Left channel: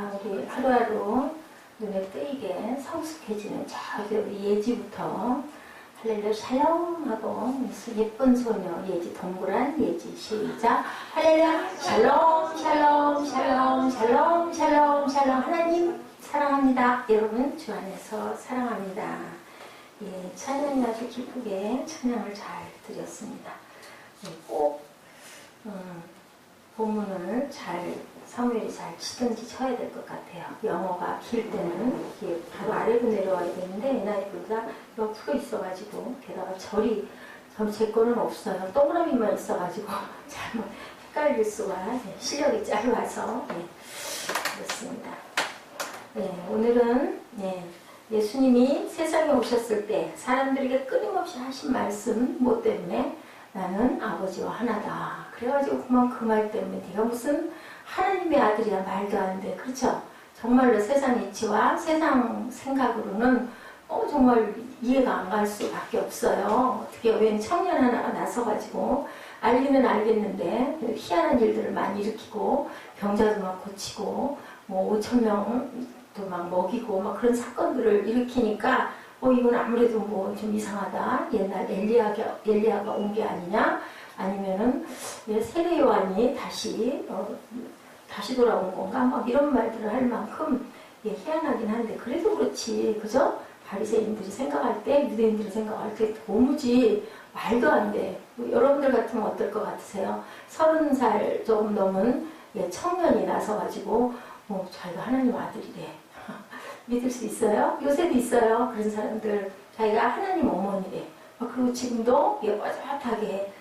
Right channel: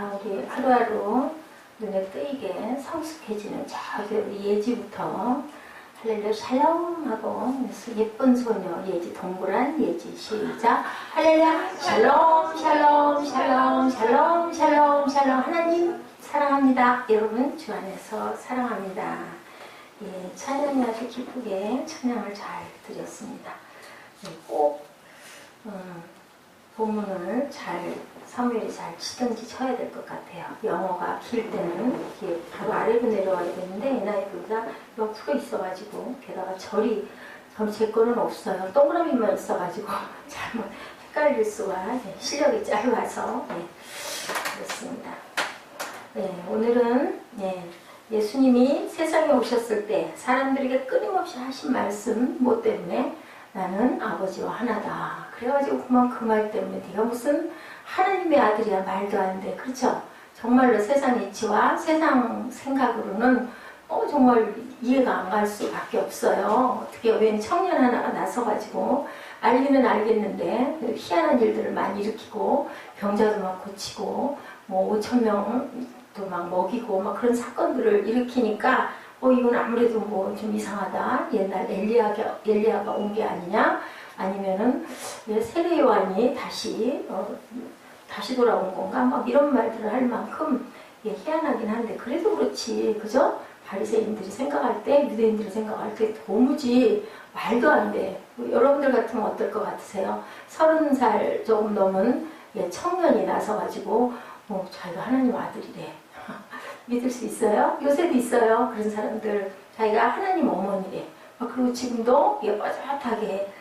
자, 우리 하루하루 눈에 띄게 성숙해지는 자, 우리 예지부터 할렐루야 샬롬 하고 예쁜 소녀 예지 동그란 예지 시작 할렐루야 샬롬 샬롬 샬롬 샬롬 샬롬 샬롬 하나님 사랑합니다. 여러분 주 안에서 사랑합니다. 예, 찬양이 아주 기쁘게 찬양을 잘 드렸습니다. 예, 꼭 본문을 사무엘이 잘 치든지 쳐야 될 것 같아요. 영어가 길 때는 이게 바로 아래로 내려와야 되는데 NIV가 옆으로 있어가지고 게다가 절이 제 거는 없어요. 동그라미만 있어가지고 잘못 헷갈릴 수가 실력이 짧아서 그렇습니다. 오늘은 예수님이 세상에 오셨을 때 사람들에게 끊임없이 하신 말씀 뭐 때문에 나는 아버지와 하나다. 그래가지고 그 말 때문에 네가 무슨 하나님의 아들이야 말도 안 돼. 그렇죠? 정말로 세상 이치와 세상 생각으로는 정말 이해가 안 갈 수밖에 없어요. 어떻게 웬 청년 하나가 나서가지고 알기는 알겠는데 희한한 일들을 많이 일으키고 병자도 막 고치고 뭐 5,000명도 막 먹이고 막 그런 사건들을 일으키니까 이건 아무래도 뭐 좀 이상하다. 옛날 엘리야가 온 게 아니냐? 아니면은 세례 요한이 다시 돌아온 건가? 막 이런 말들을 할 만큼 희한하긴 한데 그래도 그렇지, 그죠? 바리새인들이 생각할 때, 유대인들이 생각할 때 도무지 말도 안 돼. 여러분들 같으면 어떨 것 같으세요? 30살 조금 넘은 청년이 나서가지고 자기가 하나님 아들이래. 믿을 수 있어요? 요새도 있어요. 그런 사람들. 자기가 하나님 어머니래. 그리고 지금도 빠듯하게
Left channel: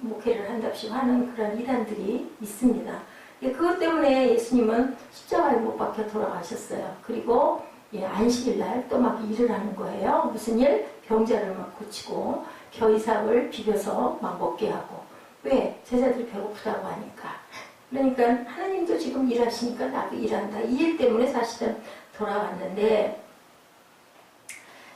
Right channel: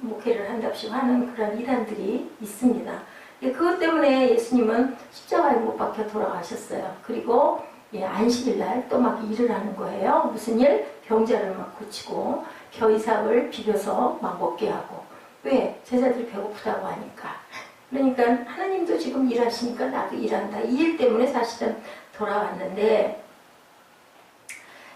목회를 한답시고 하는 그런 이단들이 있습니다. 그것 때문에 예수님은 십자가에 못 박혀 돌아가셨어요. 그리고 안식일날 또 막 일을 하는 거예요. 무슨 일? 병자를 막 고치고 겨이삭을 비벼서 막 먹게 하고. 왜? 제자들이 배고프다고 하니까. 그러니까 하나님도 지금 일하시니까 나도 일한다. 이 일 때문에 사실은 돌아왔는데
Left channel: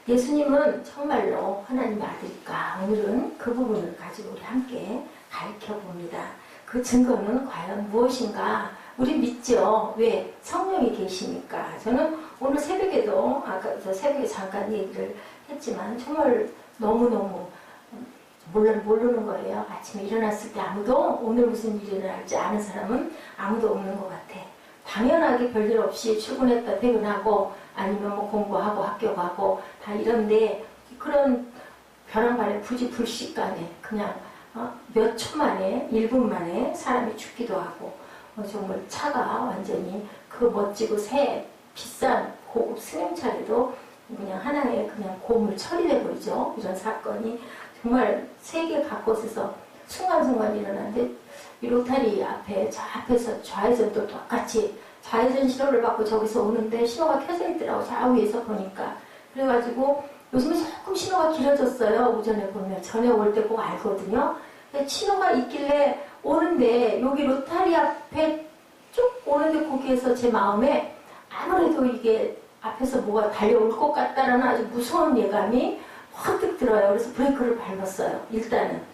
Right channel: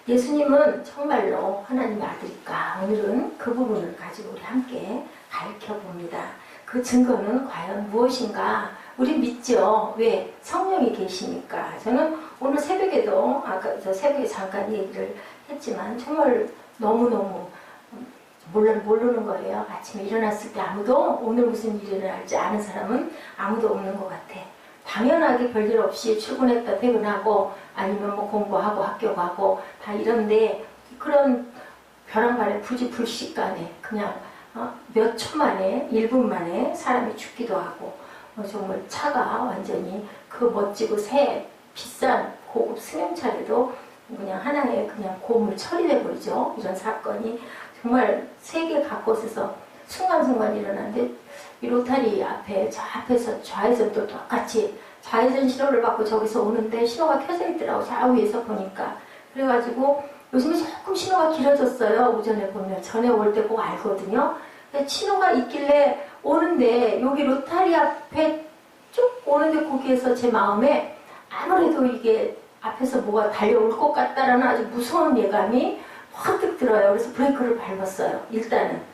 예수님은 정말로 하나님의 아들일까? 오늘은 그 부분을 가지고 우리 함께 가르쳐봅니다. 그 증거는 과연 무엇인가? 우리 믿죠? 왜? 성령이 계시니까. 저는 오늘 새벽에도 아까 새벽에 잠깐 얘기를 했지만 정말 너무너무 모르는 거예요. 아침에 일어났을 때 아무도 오늘 무슨 일을 할지 아는 사람은 아무도 없는 것 같아. 당연하게 별일 없이 출근했다 퇴근하고 아니면 뭐 공부하고 학교 가고 다 이런데 그런 벼랑간에 불시간에 그냥 몇 초 만에 1분 만에 사람이 죽기도 하고 정말 차가 완전히 그 멋지고 새 비싼 고급 승용차에도 그냥 하나의 그냥 고물 처리돼 버리죠. 이런 사건이 정말 세계 각곳에서 순간순간 일어나는데 이 로타리 앞에 저 앞에서 좌회전도 똑같이 좌회전 신호를 받고 저기서 오는데 신호가 켜져 있더라고. 좌우에서 보니까. 그래가지고 요즘에 조금 신호가 길어졌어요. 오전에 보면. 전에 올 때 꼭 알거든요. 신호가 있길래 오는데 여기 로타리 앞에 쭉 오는데 거기에서 제 마음에 아무래도 이게 앞에서 뭐가 달려올 것 같다라는 아주 무서운 예감이 확 들어요. 그래서 브레이크를 밟았어요. 일단은.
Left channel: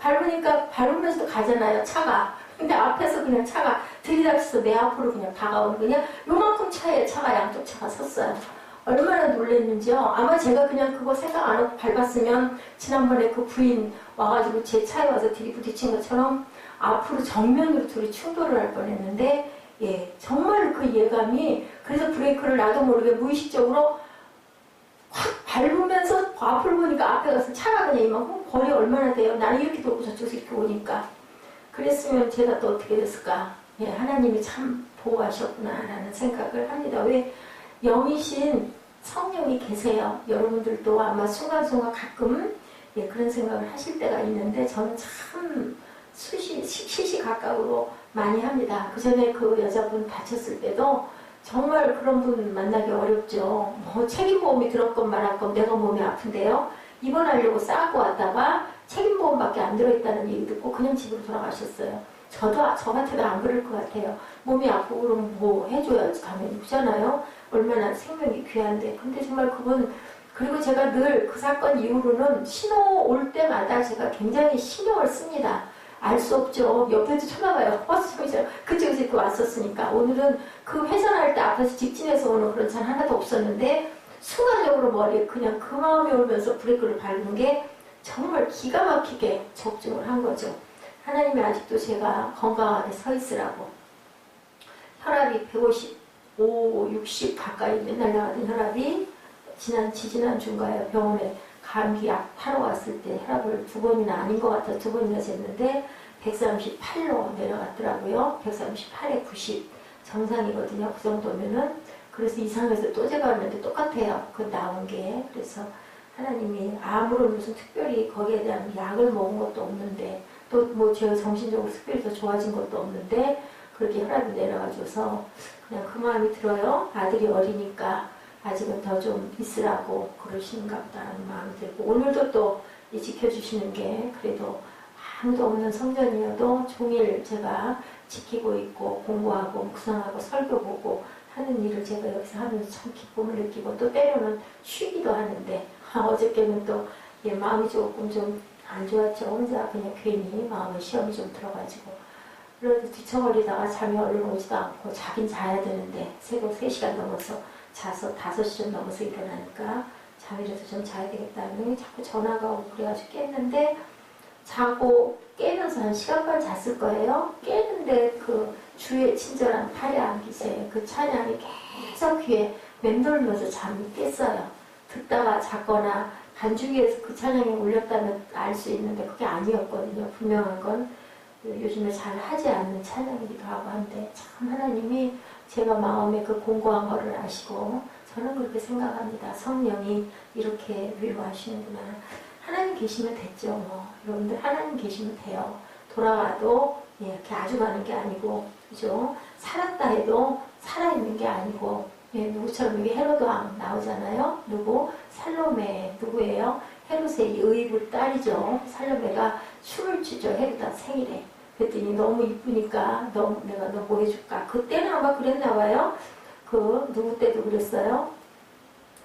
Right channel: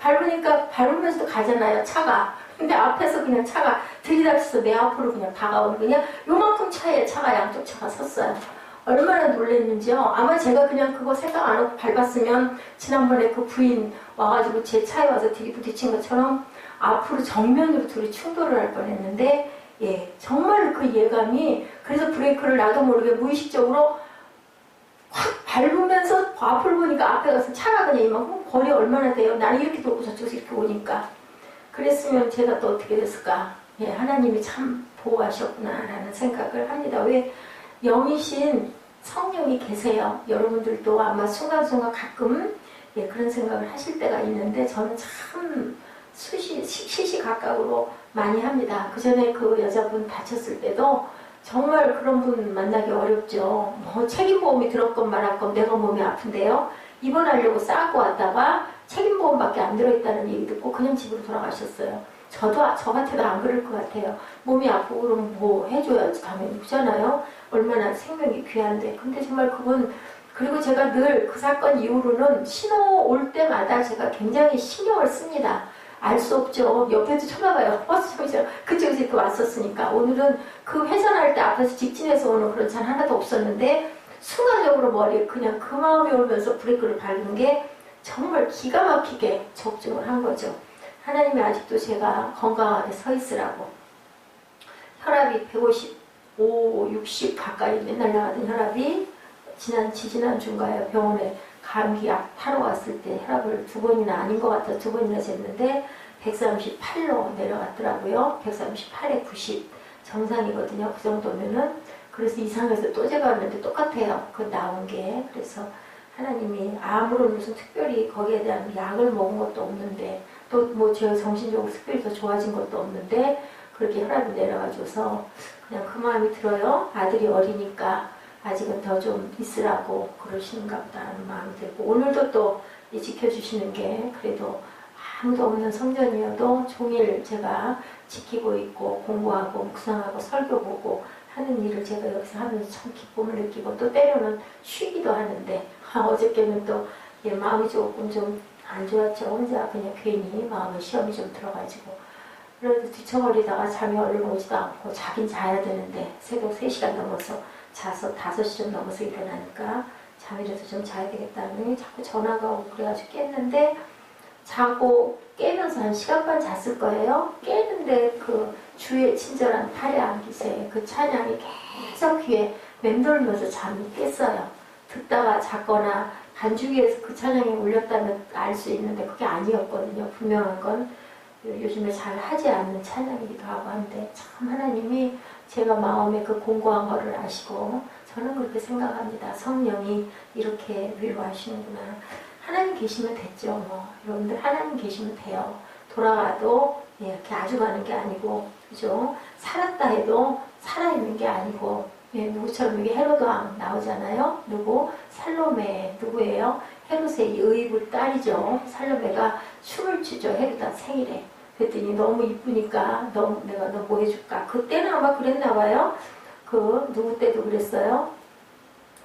밟으니까 밟으면서 가잖아요. 차가. 근데 앞에서 그냥 차가 들이닥쳐서 내 앞으로 그냥 다가오는 그냥 요만큼 차에 차가 양쪽 차가 섰어요. 얼마나 놀랐는지요. 아마 제가 그냥 그거 생각 안 하고 밟았으면 지난번에 그 부인 와가지고 제 차에 와서 들이부딪힌 것처럼 앞으로 정면으로 둘이 충돌을 할 뻔했는데 정말 그 예감이 그래서 브레이크를 나도 모르게 무의식적으로 확 밟으면서 앞을 보니까 앞에 가서 차가 그냥 이만큼 거리 얼마나 돼요. 나는 이렇게 돌고 저쪽에서 이렇게 오니까. 그랬으면 제가 또 어떻게 됐을까. 하나님이 참 보호하셨구나라는 생각을 합니다. 왜? 영이신 성령이 계세요. 여러분들도 아마 순간순간 가끔 그런 생각을 하실 때가 있는데 저는 참 시시각각으로 많이 합니다. 그 전에 그 여자분 다쳤을 때도 정말 그런 분 만나기 어렵죠. 책임보험이 들었건 말았건 내가 몸이 아픈데요. 입원하려고 싸고 왔다가 책임보험밖에 안 들어있다는 얘기 듣고 그냥 집으로 돌아가셨어요. 저 같아도 안 그럴 것 같아요. 몸이 아프고 그러면 뭐 해줘야지 당연히 그잖아요. 얼마나 생명이 귀한데. 근데 정말 그분 그리고 제가 늘 그 사건 이후로는 신호 올 때마다 제가 굉장히 신경을 씁니다. 알 수 없죠. 옆에도 쳐다봐요. 그쪽에서 이렇게 왔었으니까. 오늘은 그 회전할 때 앞에서 직진해서 오는 그런 차는 하나도 없었는데 순간적으로 머리에 그냥 그 마음이 오면서 브레이크를 밟는 게 정말 기가 막히게 적중을 한 거죠. 하나님이 아직도 제가 건강하게 서 있으라고. 혈압이 155, 60 가까이 맨날 나가던 혈압이 지지난주인가요? 병원에 감기약 타러 왔을 때 혈압을 2번이나 아닌 것 같아 2번이나 쟀는데 138로 내려갔더라고요. 138에 90 정상이거든요. 그 정도면은. 그래서 이상해서 또 제가 왔는데 똑같아요. 그 나온 게. 그래서 하나님이 아무런 무슨 특별히 거기에 대한 약을 먹은 것도 없는데 또 뭐 제가 정신적으로 특별히 더 좋아진 것도 없는데 그렇게 혈압이 내려가줘서 그냥 그 마음이 들어요. 아들이 어리니까 아직은 더 좀 있으라고 그러시는가 보다라는 마음이 들고 오늘도 또 지켜주시는 게 그래도 아무도 없는 성전이어도 종일 제가 지키고 있고 공부하고 묵상하고 설교 보고 하는 일을 제가 여기서 하면서 참 기쁨을 느끼고 또 때로는 쉬기도 하는데 어저께는 또 마음이 조금 좀 안 좋았죠. 혼자 그냥 괜히 마음에 시험이 좀 들어가지고 그래도 뒤척거리다가 잠이 얼른 오지도 않고 자긴 자야 되는데 새벽 3시간 넘어서 자서 5시 좀 넘어서 일어나니까 잠이라도 좀 자야 되겠다는 자꾸 전화가 오고 그래가지고 깼는데 자고 깨면서 한 시간 반 잤을 거예요. 깨는데 그 주의 친절한 파레한 기세 그 찬양이 계속 귀에 맴돌면서 잠이 깼어요. 듣다가 잤거나 반주기에서 그 찬양이 울렸다면 알 수 있는데 그게 아니었거든요. 분명한 건 요즘에 잘 하지 않는 찬양이기도 하고 한데 참 하나님이 제가 마음에 그 공고한 거를 아시고 저는 그렇게 생각합니다. 성령이 이렇게 위로하시는구나. 하나님 계시면 됐죠. 뭐 여러분들 하나님 계시면 돼요. 돌아와도 이렇게 아주 가는 게 아니고 그죠? 살았다 해도 살아있는 게 아니고 누구처럼 이게 헤로드 왕 나오잖아요. 누구? 살로메 누구예요? 헤롯의 의붓 딸이죠. 살로메가 춤을 추죠. 헤로드 생일에. 그랬더니 너무 이쁘니까 내가 너 뭐 해줄까? 그때는 아마 그랬나 봐요. 그 누구 때도 그랬어요.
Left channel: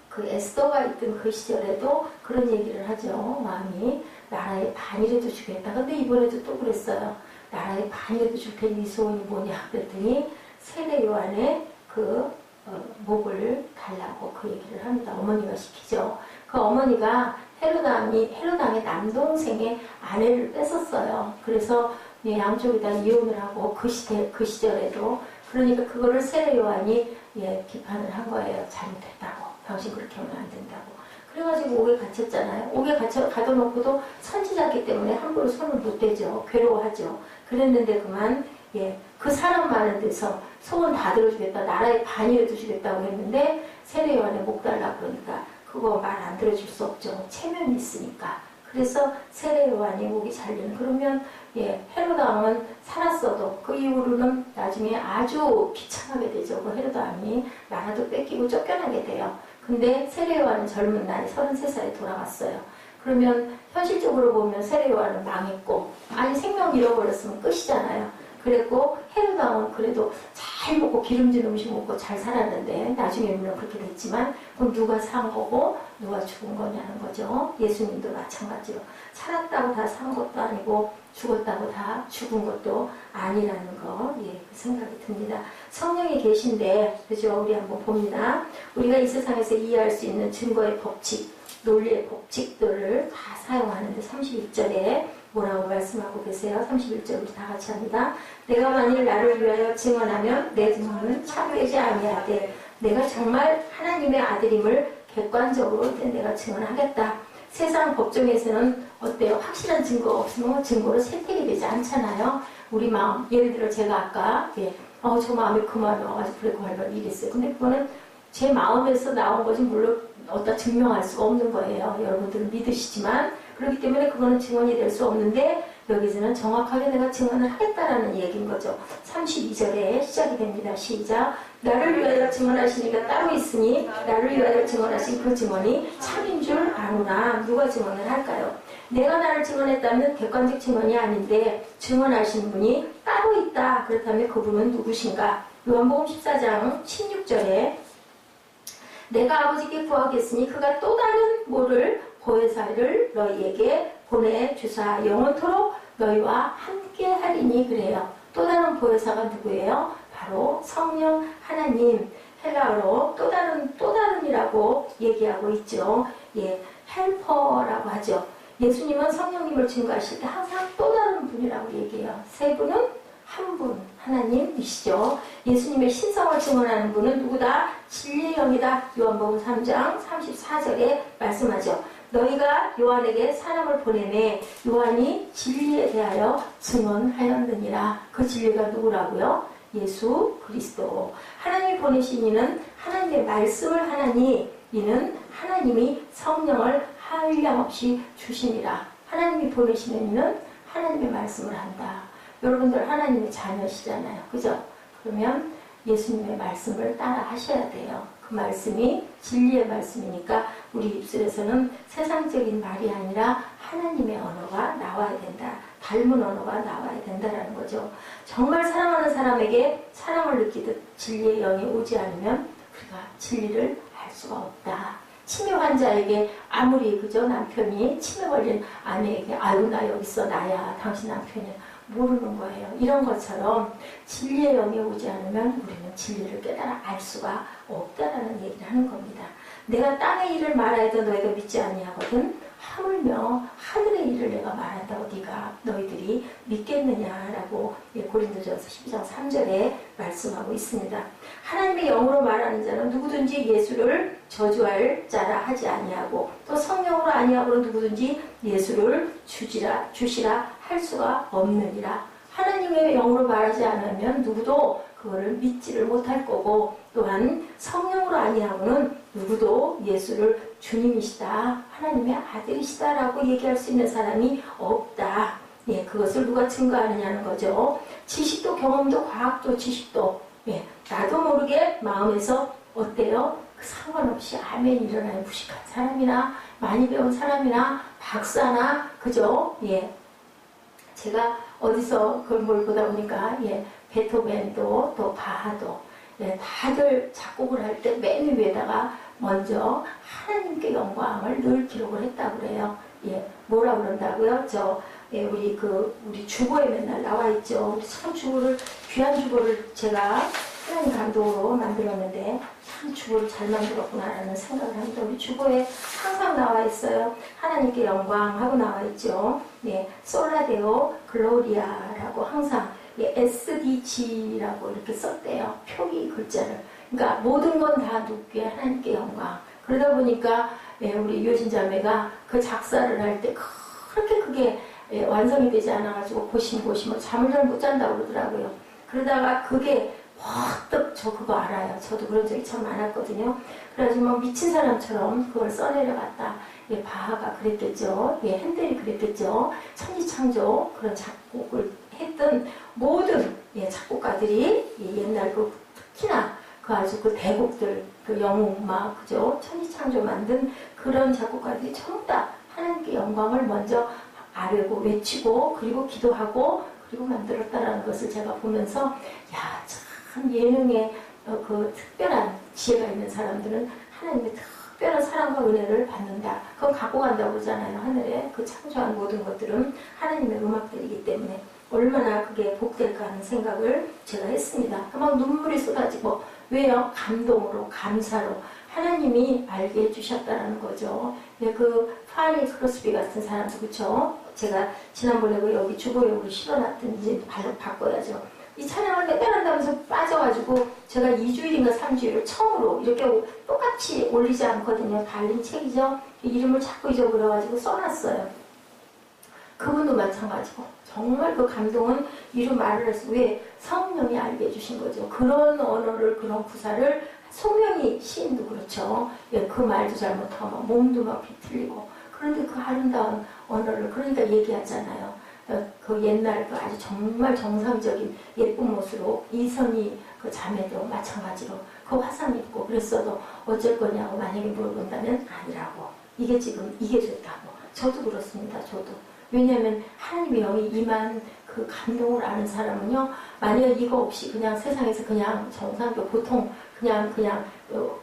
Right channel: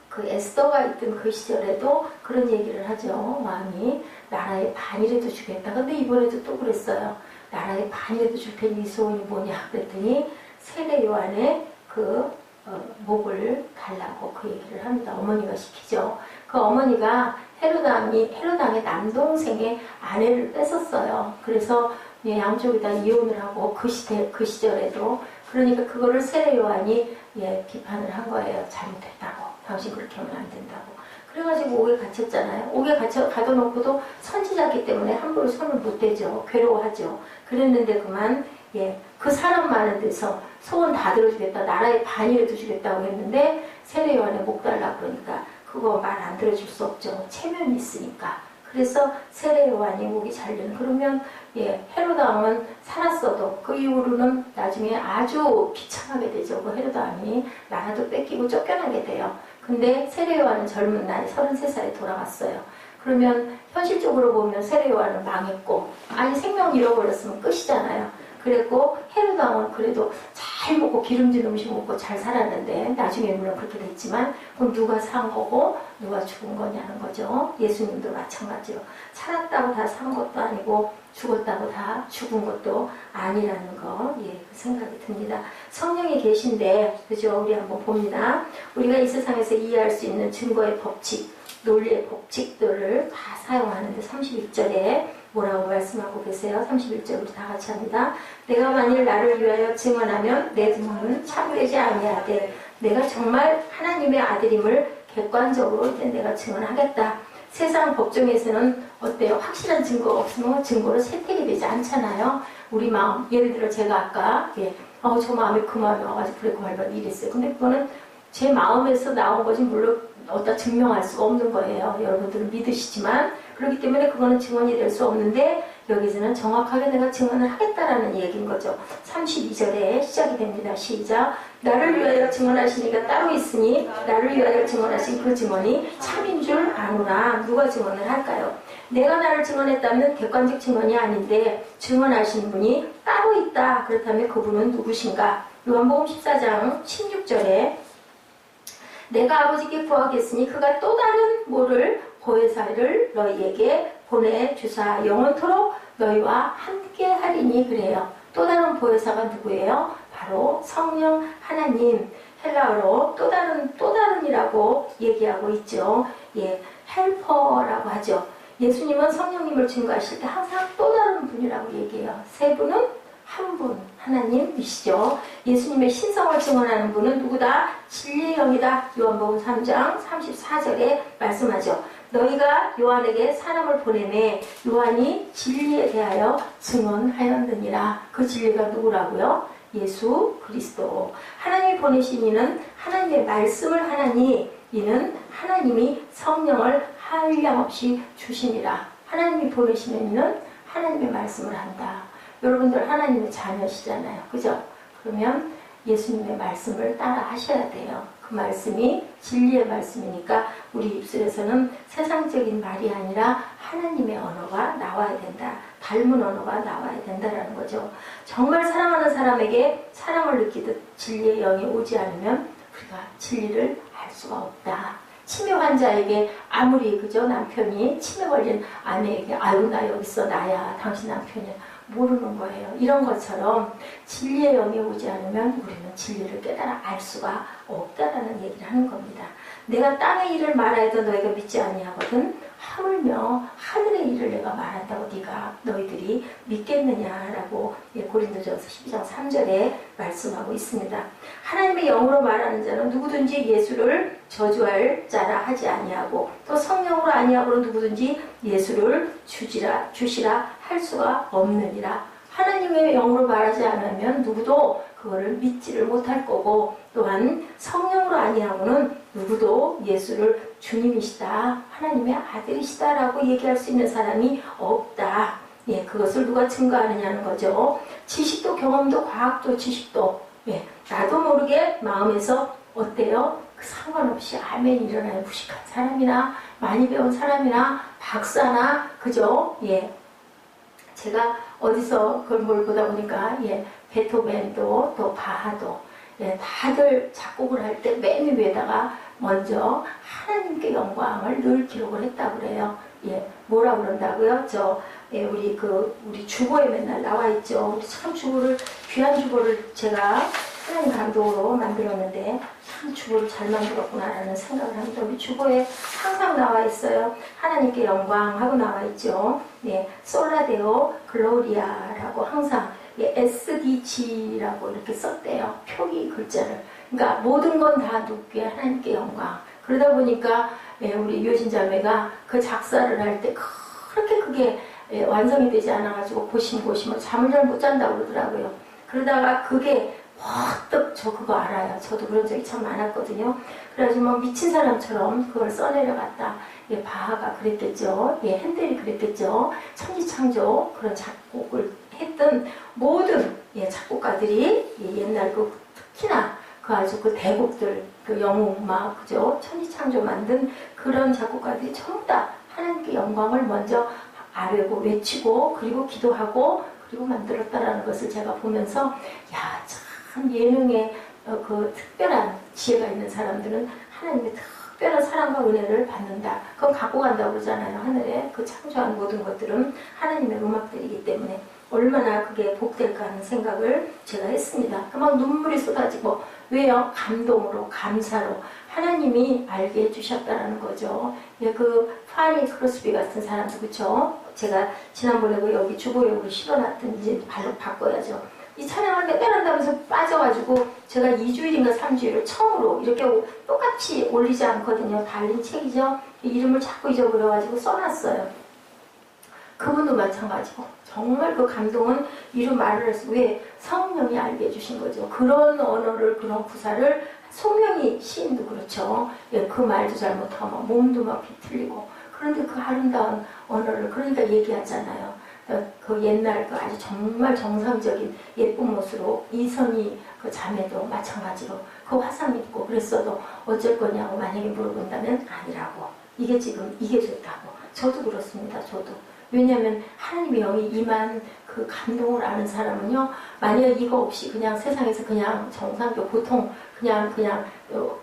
그 에스더가 있던 그 시절에도 그런 얘기를 하죠. 왕이 나라의 반이라도 주겠다. 근데 이번에도 또 그랬어요. 나라의 반이라도 줄 테니 네 소원이 뭐냐 그랬더니 세례 요한의 그 목을 달라고 그 얘기를 합니다. 어머니가 시키죠. 그 어머니가 헤로당의 남동생의 아내를 뺏었어요. 그래서 양쪽이 다 이혼을 하고 그 시절에도 그러니까 그거를 세례 요한이 비판을 한 거예요. 잘못했다고. 당신 그렇게 하면 안 된다고. 그래가지고 옥에 갇혔잖아요. 옥에 가둬놓고도 선지자기 때문에 함부로 손을 못 대죠. 괴로워하죠. 그랬는데 그만 그 사람 많은 데서 소원 다 들어주겠다. 나라의 반이라도 주겠다고 했는데 세례 요한에 목 달라고 그러니까 그거 말 안 들어줄 수 없죠. 체면이 있으니까. 그래서 세례 요한이 목이 잘리는 그러면 헤로드 왕은 살았어도 그 이후로는 나중에 아주 비참하게 되죠. 그 헤로드 왕이 나라도 뺏기고 쫓겨나게 돼요. 근데 세례 요한은 젊은 나이 33살에 돌아갔어요. 그러면 현실적으로 보면 세례 요한은 망했고 아니 생명 잃어버렸으면 끝이잖아요. 그랬고 헤로드 왕은 그래도 잘 먹고 기름진 음식 먹고 잘 살았는데 나중에 물론 그렇게 됐지만 그럼 누가 산 거고 누가 죽은 거냐는 거죠. 예수님도 마찬가지로 살았다고 다 산 것도 아니고 죽었다고 다 죽은 것도 아니라는 거 그 생각이 듭니다. 성령이 계신데 그죠? 우리 한번 봅니다. 우리가 이 세상에서 이해할 수 있는 증거의 법칙 논리의 법칙들을 다 사용하는데 31절에 뭐라고 말씀하고 계세요? 31절부터 다 같이 합니다. 내가 만일 나를 위하여 증언하면 내 증언은 참되지 아니하되 내가 정말 하나님의 아들임을 객관적으로 내가 증언하겠다. 세상 법정에서는 어때요? 확실한 증거가 없으면 증거로 채택이 되지 않잖아요. 우리 마음, 예를 들어 제가 아까 저 마음에 그 마음이 와가지고 브레이크 밟아서 이랬어요. 근데 그거는 제 마음에서 나온 거지 물론 어디다 증명할 수가 없는 거예요. 여러분들은 믿으시지만 그렇기 때문에 그거는 증언이 될 수 없는데 여기서는 정확하게 내가 증언을 하겠다라는 얘기인 거죠. 32절에 시작이 됩니다. 시작. 나를 위하여 증언하시니가 따로 있으니 나를 위하여 증언하신 그 증언이 참인 줄 아노라. 누가 증언을 할까요? 내가 나를 증언했다면 객관적 증언이 아닌데 증언하신 분이 따로 있다. 그렇다면 그분은 누구신가? 요한복음 14장 16절에 내가 아버지께 구하겠으니 그가 또 다른 뭐를 보혜사를 너희에게 보내주사 영원토록 너희와 함께 하리니 그래요. 또 다른 보혜사가 누구예요? 바로 성령 하나님. 헬라어로 또 다른이라고 얘기하고 있죠. 예, 헬퍼라고 하죠. 예수님은 성령님을 증거하실 때 항상 또 다른 분이라고 얘기해요. 세 분은 한 분, 하나님이시죠. 예수님의 신성을 증언하는 분은 누구다? 진리의 영이다. 요한복음 3장 34절에 말씀하죠. 너희가 요한에게 사람을 보내매 요한이 진리에 대하여 증언하였느니라. 그 진리가 누구라고요? 예수 그리스도. 하나님이 보내신 이는 하나님의 말씀을 하나니 이는 하나님이 성령을 한량없이 주시니라. 하나님이 보내시는 이는 하나님의 말씀을 한다. 여러분들 하나님의 자녀시잖아요. 그죠? 그러면 예수님의 말씀을 따라 하셔야 돼요. 그 말씀이 진리의 말씀이니까 우리 입술에서는 세상적인 말이 아니라 하나님의 언어가 나와야 된다. 닮은 언어가 나와야 된다라는 거죠. 정말 사랑하는 사람에게 사랑을 느끼듯 진리의 영이 오지 않으면 우리가 진리를 알 수가 없다. 치매 환자에게 아무리 그죠 남편이 치매 걸린 아내에게 아유 나 여기 있어 나야 당신 남편이야 모르는 거예요. 이런 것처럼 진리의 영이 오지 않으면 우리는 진리를 깨달아 알 수가 없다라는 얘기를 하는 겁니다. 내가 땅의 일을 말하여도 너희가 믿지 아니하거든 하물며 하늘의 일을 내가 말한다고 너희들이 믿겠느냐라고 고린도전서 12장 3절에 말씀하고 있습니다. 하나님의 영으로 말하는 자는 누구든지 예수를 저주할 자라 하지 아니하고 또 성령으로 아니하고는 누구든지 예수를 주시라 할 수가 없느니라. 하나님의 영으로 말하지 않으면 누구도 그거를 믿지를 못할 거고 또한 성령으로 아니하고는 누구도 예수를 주님이시다, 하나님의 아들이시다라고 얘기할 수 있는 사람이 없다. 예, 그것을 누가 증거하느냐는 거죠. 지식도 경험도 과학도 지식도 나도 모르게 마음에서 어때요? 그 상관없이 아멘 일어나요. 무식한 사람이나 많이 배운 사람이나 박사나 그죠? 예. 제가 어디서 그걸 뭘 보다 보니까 베토벤도 또 바하도 다들 작곡을 할 때 맨 위에다가 먼저 하나님께 영광을 늘 기록을 했다고 그래요. 뭐라 그런다고요? 우리 주보에 맨날 나와 있죠. 우리 참 귀한 주보를 제가 하나님 감동으로 만들었는데 참 주보를 잘 만들었구나라는 생각을 합니다. 우리 주보에 항상 나와 있어요. 하나님께 영광하고 나와 있죠. 솔라데오 글로리아라고 항상 SDG라고 이렇게 썼대요. 표기 글자를. 그러니까 모든 건 다 누구께 하나님께 영광. 그러다 보니까 우리 유효진 자매가 그 작사를 할 때 그렇게 그게 완성이 되지 않아가지고 고심을 잠을 잘 못 잔다고 그러더라고요. 그러다가 그게 퍼뜩 저 그거 알아요. 저도 그런 적이 참 많았거든요. 그래가지고 막 미친 사람처럼 그걸 써내려갔다. 바하가 그랬겠죠. 핸델이 그랬겠죠. 천지창조 그런 작곡을 했던 모든 작곡가들이 옛날 특히나 아주 그 대곡들 영웅막 그죠 천지창조 만든 그런 작곡가들이 전부 다 하나님께 영광을 먼저 아뢰고 외치고 그리고 기도하고 그리고 만들었다라는 것을 제가 보면서 참 예능에 그 특별한 지혜가 있는 사람들은 하나님의 특별한 사랑과 은혜를 받는다. 그건 갖고 간다고 그러잖아요. 하늘에 그 창조한 모든 것들은 하나님의 음악들이기 때문에 얼마나 그게 복될까 하는 생각을 제가 했습니다. 막 눈물이 쏟아지고 왜요? 감동으로 감사로 하나님이 알게 해주셨다는 거죠. 그 파니 크로스비 같은 사람도 그렇죠. 제가 지난번에 여기 주보에 우리 실어놨던 이제 발로 바꿔야죠. 이 찬양을 매달 한다면서 빠져가지고 제가 2주일인가 3주일을 처음으로 이렇게 똑같이 올리지 않거든요. 달린 책이죠. 이름을 자꾸 잊어버려가지고 써놨어요. 그분도 마찬가지고 정말 그 감동은 이루 말을 해서 왜 성령이 알게 해주신 거죠. 그런 언어를 그런 구사를 송명희 시인도 그렇죠. 그 말도 잘못하고 몸도 막 비틀리고 그런데 그 아름다운 언어를 그러니까 얘기하잖아요. 그 옛날 그 아주 정말 정상적인 예쁜 모습으로 이선희 그 자매도 마찬가지로 그 화상 입고 그랬어도 어쩔 거냐고 만약에 물어본다면 아니라고. 이게 지금 이게 됐다고. 저도 그렇습니다. 저도. 왜냐하면 하나님의 영이 임한 그 감동을 아는 사람은요, 만약에 이거 없이 그냥 세상에서 그냥 정상적으로 보통 그냥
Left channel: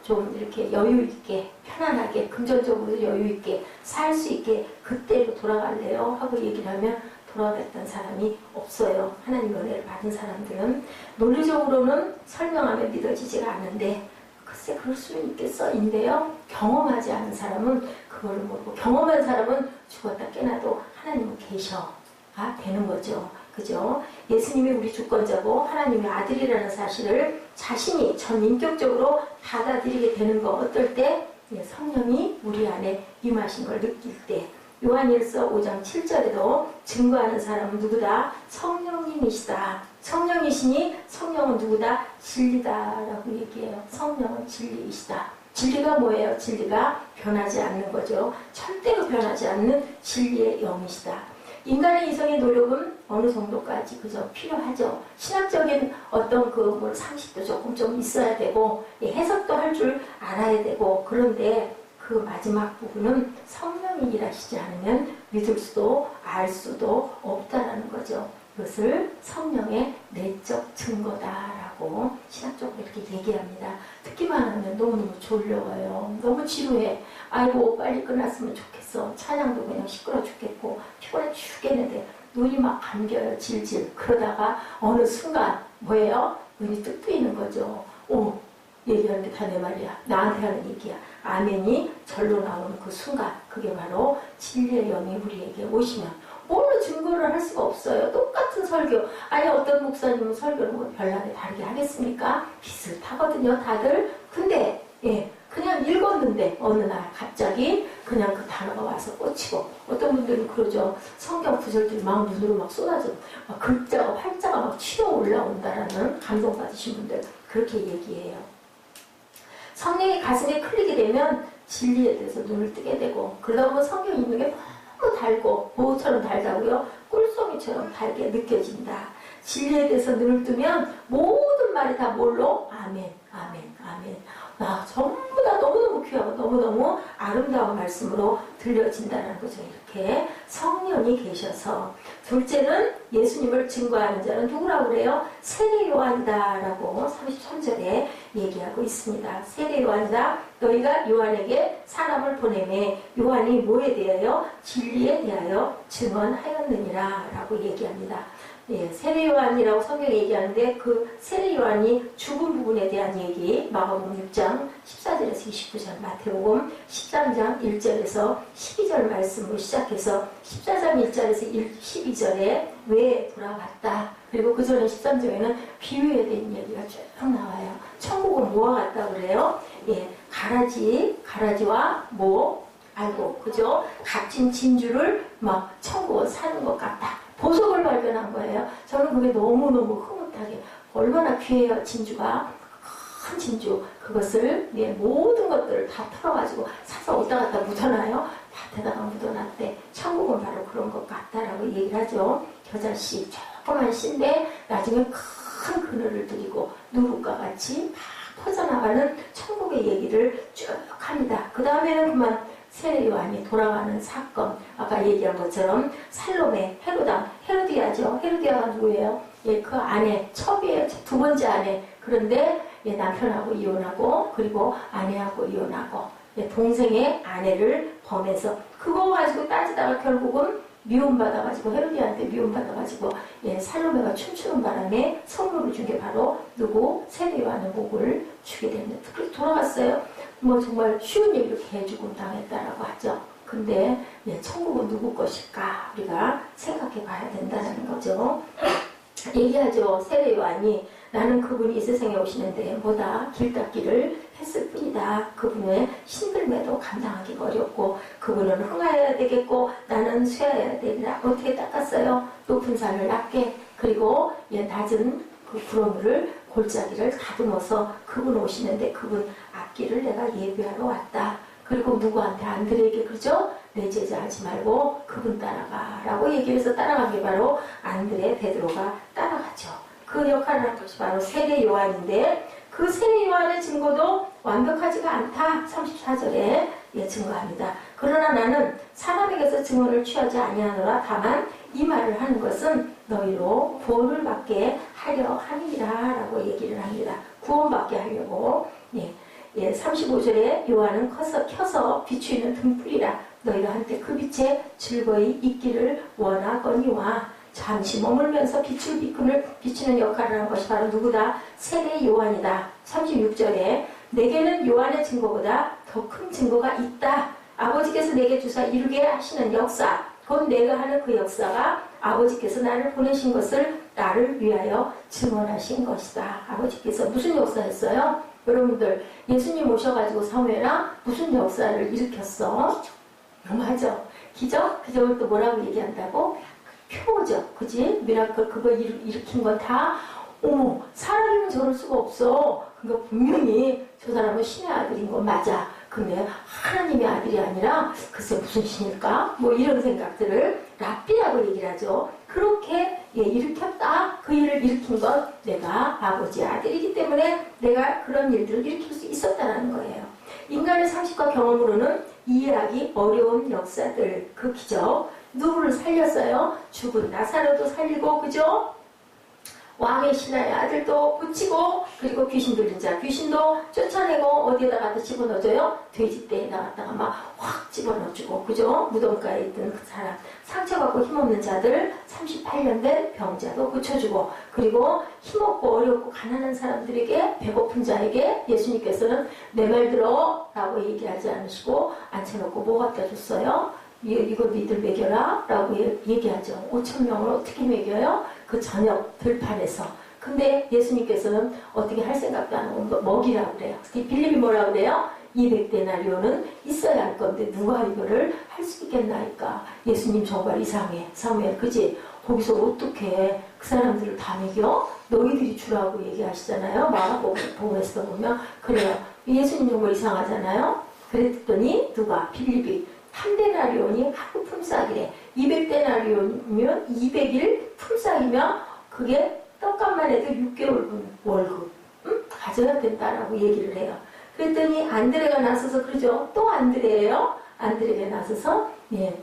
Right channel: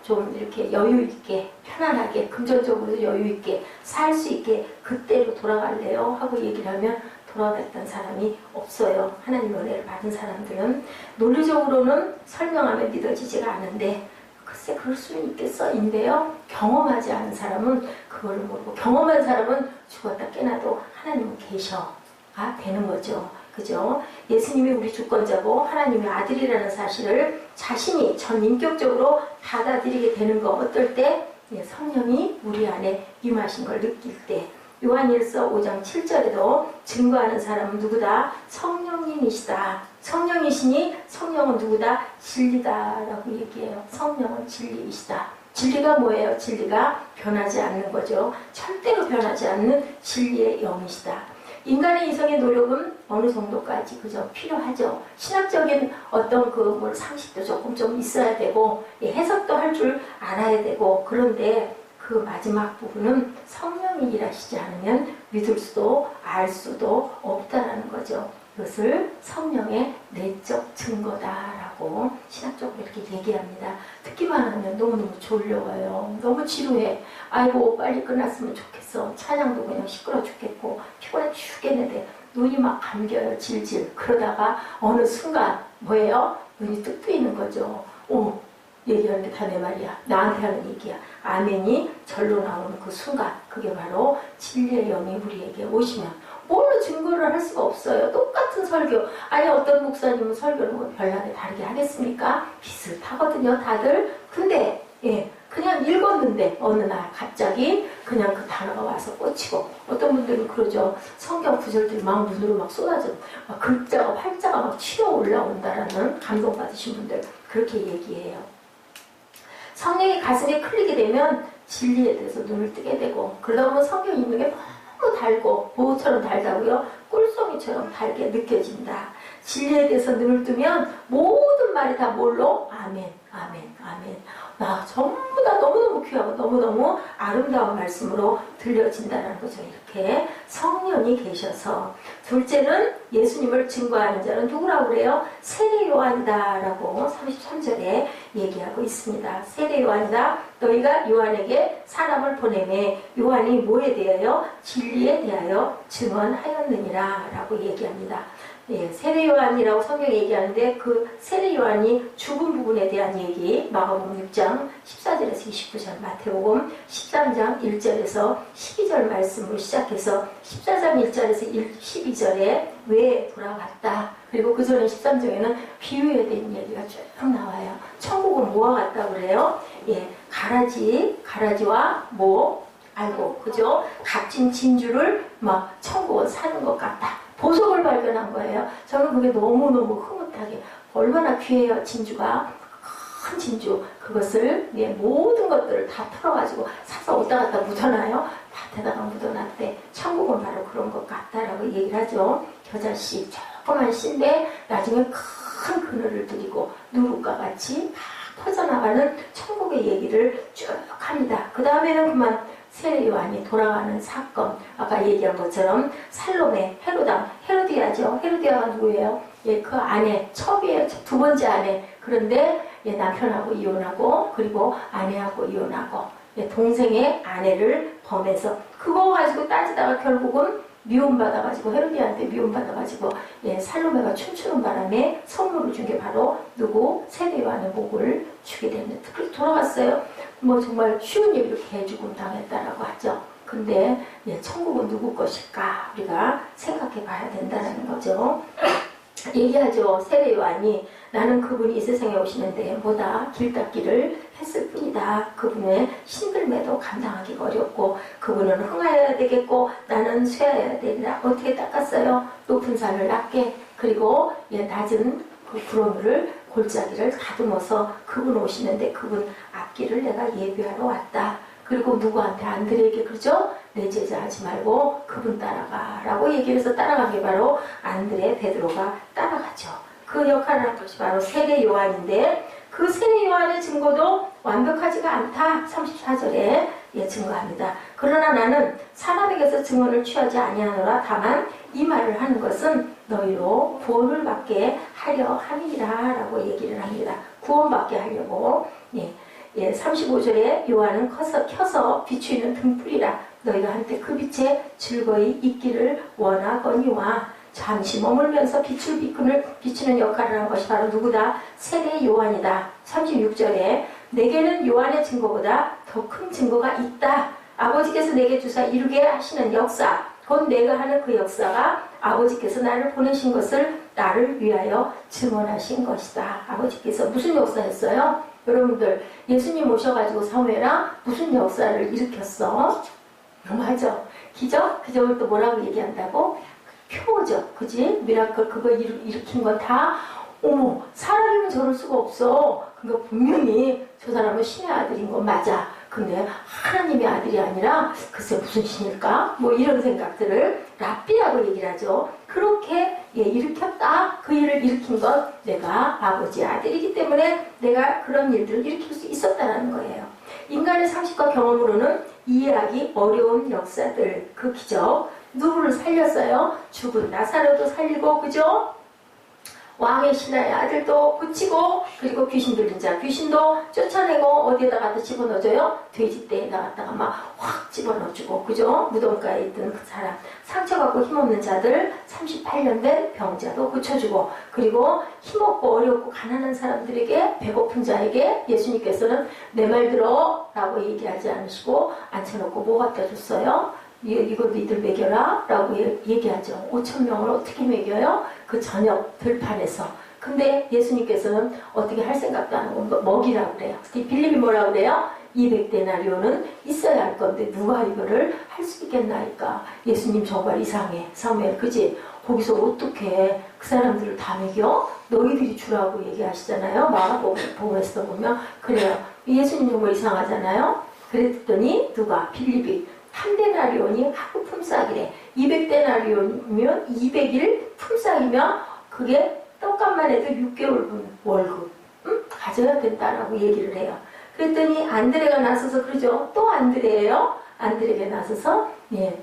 좀 이렇게 여유 있게 편안하게 금전적으로 여유 있게 살 수 있게 그때로 돌아갈래요 하고 얘기를 하면 돌아갔던 사람이 없어요. 하나님의 은혜를 받은 사람들은. 논리적으로는 설명하면 믿어지지가 않는데 글쎄 그럴 수는 있겠어인데요. 경험하지 않은 사람은 그거를 모르고, 경험한 사람은 죽었다 깨나도 하나님은 계셔가 되는 거죠. 그죠? 예수님이 우리 주권자고 하나님의 아들이라는 사실을 자신이 전인격적으로 받아들이게 되는 거. 어떨 때? 성령이 우리 안에 임하신 걸 느낄 때. 요한일서 5장 7절에도 증거하는 사람은 누구다? 성령님이시다. 성령이시니 성령은 누구다? 진리다라고 얘기해요. 성령은 진리이시다. 진리가 뭐예요? 진리가 변하지 않는 거죠. 절대로 변하지 않는 진리의 영이시다. 인간의 이성의 노력은 어느 정도까지 그저 필요하죠. 신학적인 어떤 그 상식도 조금 좀 있어야 되고, 해석도 할 줄 알아야 되고, 그런데 그 마지막 부분은 성령이 일하시지 않으면 믿을 수도 알 수도 없다라는 거죠. 이것을 성령의 내적 증거다라고 신학적으로 이렇게 얘기합니다. 듣기만 하면 너무너무 졸려워요. 너무 지루해. 아이고 빨리 끝났으면 좋겠어. 찬양도 그냥 시끄러 죽겠고 피곤해 죽겠는데 눈이 막 감겨요. 질질. 그러다가 어느 순간 뭐예요? 눈이 뚝 뜨이는 거죠. 오, 얘기하는 게 다 내 말이야. 나한테 하는 얘기야. 아멘이 절로 나오는 그 순간, 그게 바로 진리의 영이 우리에게 오시면 뭘로 증거를 할 수가 없어요. 똑같은 설교. 아니 어떤 목사님은 설교를 뭐 별나게 다르게 하겠습니까? 비슷하거든요 다들. 근데 그냥 읽었는데 어느 날 갑자기 그냥 그 단어가 와서 꽂히고, 어떤 분들은 그러죠. 성경 구절들이 막 눈으로 막 쏟아져 막 글자가 활자가 막 치어 올라온다라는 감동받으신 분들 그렇게 얘기해요. 성령이 가슴에 클리게 되면 진리에 대해서 눈을 뜨게 되고, 그러다 보면 성경 읽는 게 너무 달고, 뭐처럼 달다고요? 꿀송이처럼 달게 느껴진다. 진리에 대해서 눈을 뜨면 모든 말이 다 뭘로? 아멘, 아멘, 아멘. 나 전부 다 너무너무 귀하고 너무너무 아름다운 말씀으로 들려진다는 거죠. 이렇게 성령이 계셔서. 둘째는 예수님을 증거하는 자는 누구라고 그래요? 세례 요한이다라고 33절에 얘기하고 있습니다. 세례 요한이다. 너희가 요한에게 사람을 보내매 요한이 뭐에 대하여? 진리에 대하여 증언하였느니라 라고 얘기합니다. 세례 요한이라고 성경이 얘기하는데 그 세례 요한이 죽은 부분에 대한 얘기, 마가복음 6장 14절에서 29절, 마태복음 13장 1절에서 12절 말씀으로 시작해서 14장 1절에서 12절에 왜 돌아왔다. 그리고 그 전에 13장에는 비유에 대한 얘기가 쭉 나와요. 천국은 뭐와 같다 그래요? 가라지와 알고, 그죠? 값진 진주를 막 천국은 사는 것 같다. 보석을 발견한 거예요. 저는 그게 너무너무 흐뭇하게, 얼마나 귀해요, 진주가. 큰 진주. 그것을, 모든 것들을 다 털어가지고 사서 어디다 갖다 묻어놔요? 밭에다가 묻어놨대. 천국은 바로 그런 것 같다라고 얘기를 하죠. 겨자씨, 조그만 씨인데 나중에 큰 그늘을 들이고 누룩과 같이 막 퍼져나가는 천국의 얘기를 쭉 합니다. 그 다음에는 그만 세례 요한이 돌아가는 사건, 아까 얘기한 것처럼 살로메, 헤로디아죠. 헤로디아가 누구예요? 그 아내, 첩이에요. 두 번째 아내. 그런데 남편하고 이혼하고, 그리고 아내하고 이혼하고, 동생의 아내를 범해서 그거 가지고 따지다가 결국은 미움받아가지고, 헤로디아한테 미움받아가지고 살로메가 춤추는 바람에 선물을 준 게 바로 누구? 세례 요한의 목을 주게 됩니다. 그래서 돌아갔어요. 정말 쉬운 얘기로 개죽음 당했다라고 하죠. 근데 천국은 누구 것일까? 우리가 생각해 봐야 된다는 거죠. 얘기하죠. 세례 요한이 나는 그분이 이 세상에 오시는데 뭐다? 길 닦기를 했을 뿐이다. 그분의 신들매도 감당하기가 어렵고 그분은 흥하여야 되겠고 나는 쇠하여야 되리라. 어떻게 닦았어요? 높은 산을 낮게, 그리고 낮은 그 구렁이를 골짜기를 다듬어서 그분 오시는데 그분 앞길을 내가 예비하러 왔다. 그리고 누구한테? 안드레에게, 그러죠? 내 제자 하지 말고 그분 따라가 라고 얘기를 해서 따라간 게 바로 안드레, 베드로가 따라가죠. 그 역할을 한 것이 바로 세례 요한인데, 그 세례 요한의 증거도 완벽하지가 않다. 34절에 증거합니다. 그러나 나는 사람에게서 증언을 취하지 아니하노라. 다만 이 말을 하는 것은 너희로 구원을 받게 하려 함이라 라고 얘기를 합니다. 구원받게 하려고. 35절에 요한은 켜서 비추이는 등불이라. 너희가 한때 그 빛에 즐거이 있기를 원하거니와 잠시 머물면서 빛을 비추는 역할을 한 것이 바로 누구다? 세례 요한이다. 36절에 내게는 요한의 증거보다 더 큰 증거가 있다. 아버지께서 내게 주사 이루게 하시는 역사, 곧 내가 하는 그 역사가 아버지께서 나를 보내신 것을 나를 위하여 증언하신 것이다. 아버지께서 무슨 역사했어요? 여러분들 예수님 오셔가지고 사무엘아 무슨 역사를 일으켰어? 맞아. 기적? 기적을 또 뭐라고 얘기한다고? 표죠. 그지? 미라클 그거 일으킨 건 다 어머 사람이면 저럴 수가 없어. 그러니까 분명히 저 사람은 신의 아들인 건 맞아. 근데 하나님의 아들이 아니라 글쎄 무슨 신일까? 뭐 이런 생각들을 랍비라고 얘기를 하죠. 그렇게 일으켰다. 그 일을 일으킨 건 내가 아버지의 아들이기 때문에 내가 그런 일들을 일으킬 수 있었다는 거예요. 인간의 상식과 경험으로는 이해하기 어려운 역사들, 그 기적, 누구를 살렸어요? 죽은 나사로도 살리고, 그죠? 왕의 신하의 아들도 고치고, 그리고 귀신 들린 자, 귀신도 쫓아내고, 어디에다 갖다 집어넣어줘요? 돼지떼에다 갖다가 막 확 집어넣어주고, 그죠? 무덤가에 있던 그 사람, 상처받고 힘없는 자들, 38년 된 병자도 고쳐주고, 그리고 힘없고 어렵고 가난한 사람들에게, 배고픈 자에게 예수님께서는 내 말 들어 라고 얘기하지 않으시고 앉혀놓고 뭐 갖다 줬어요? 이거 니들 먹여라 라고 얘기하죠. 5,000명을 어떻게 먹여요? 그 저녁 들판에서. 근데 예수님께서는 어떻게 할 생각도 안 하고 먹이라고 그래요. 빌립이 뭐라고 그래요? 200데나리온은 있어야 할 건데 누가 이거를 할 수 있겠나니까. 예수님 정말 이상해. 사무엘 그지? 거기서 어떻게 그 사람들을 다 먹여? 너희들이 주라고 얘기하시잖아요. 마가복음에서 보면 그래요. 예수님 정말 이상하잖아요. 그랬더니 누가? 빌립이 3데나리온이 하루 품삯이래. 200데나리온이면 200일 품삯이면 그게 떡값만 해도 6개월분 월급 가져야 된다라고 얘기를 해요. 그랬더니 안드레가 나서서 그러죠. 또 안드레예요. 안드레가 나서서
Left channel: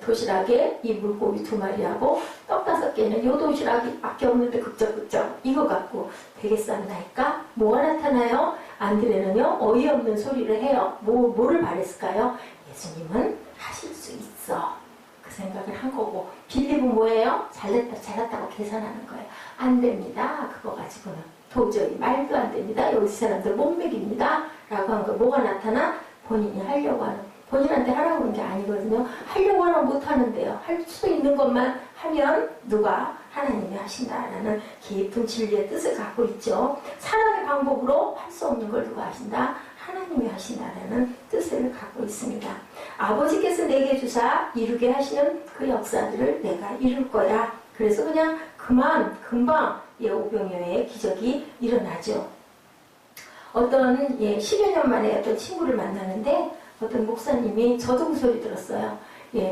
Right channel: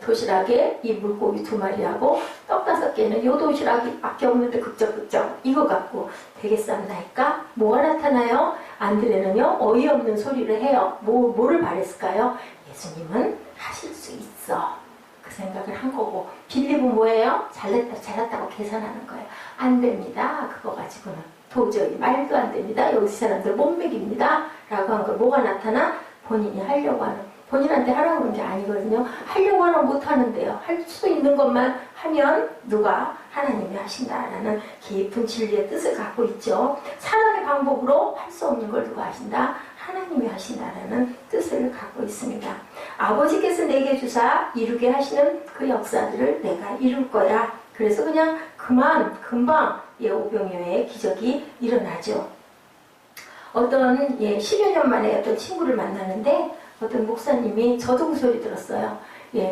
도시락에 이 물고기 2마리하고 떡 5개는 요 도시락이 밖에 없는데 극적극적 이거 갖고 되겠습니까? 뭐가 나타나요? 안드레는요 어이없는 소리를 해요. 뭐를 바랬을까요? 예수님은 하실 수 있어. 그 생각을 한 거고, 빌립은 뭐예요? 잘났다고 계산하는 거예요. 안 됩니다. 그거 가지고는 도저히 말도 안 됩니다. 여기 사람들 못 먹입니다. 라고 한 거. 뭐가 나타나? 본인이 하려고 하는, 본인한테 하라고 하는 게 아니거든요. 하려고 하면 못 하는데요. 할 수 있는 것만 하면 누가? 하나님이 하신다라는 깊은 진리의 뜻을 갖고 있죠. 사람의 방법으로 할 수 없는 걸 누가 하신다? 하나님이 하신다라는 뜻을 갖고 있습니다. 아버지께서 내게 주사 이루게 하시는 그 역사들을 내가 이룰 거야. 그래서 그냥 금방 오병이어의 기적이 일어나죠. 어떤 10여 년 만에 어떤 친구를 만나는데 어떤 목사님이 저도 그 소리 들었어요.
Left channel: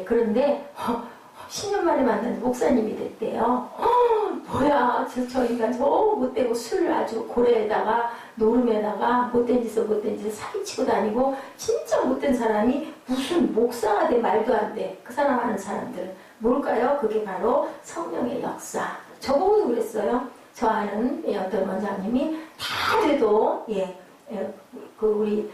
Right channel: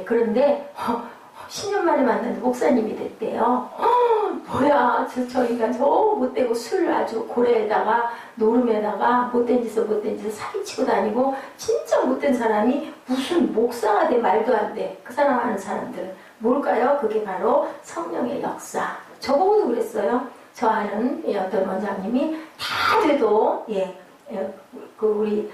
그런데 10년 만에 만났는데 목사님이 됐대요. 뭐야 저 인간 저 못되고 술 아주 고래에다가 노름에다가 못된 짓을 사기치고 다니고 진짜 못된 사람이 무슨 목사가 돼 말도 안 돼. 그 사람 아는 사람들은 뭘까요? 그게 바로 성령의 역사. 저보고도 그랬어요. 저 아는 어떤 원장님이 다 돼도 우리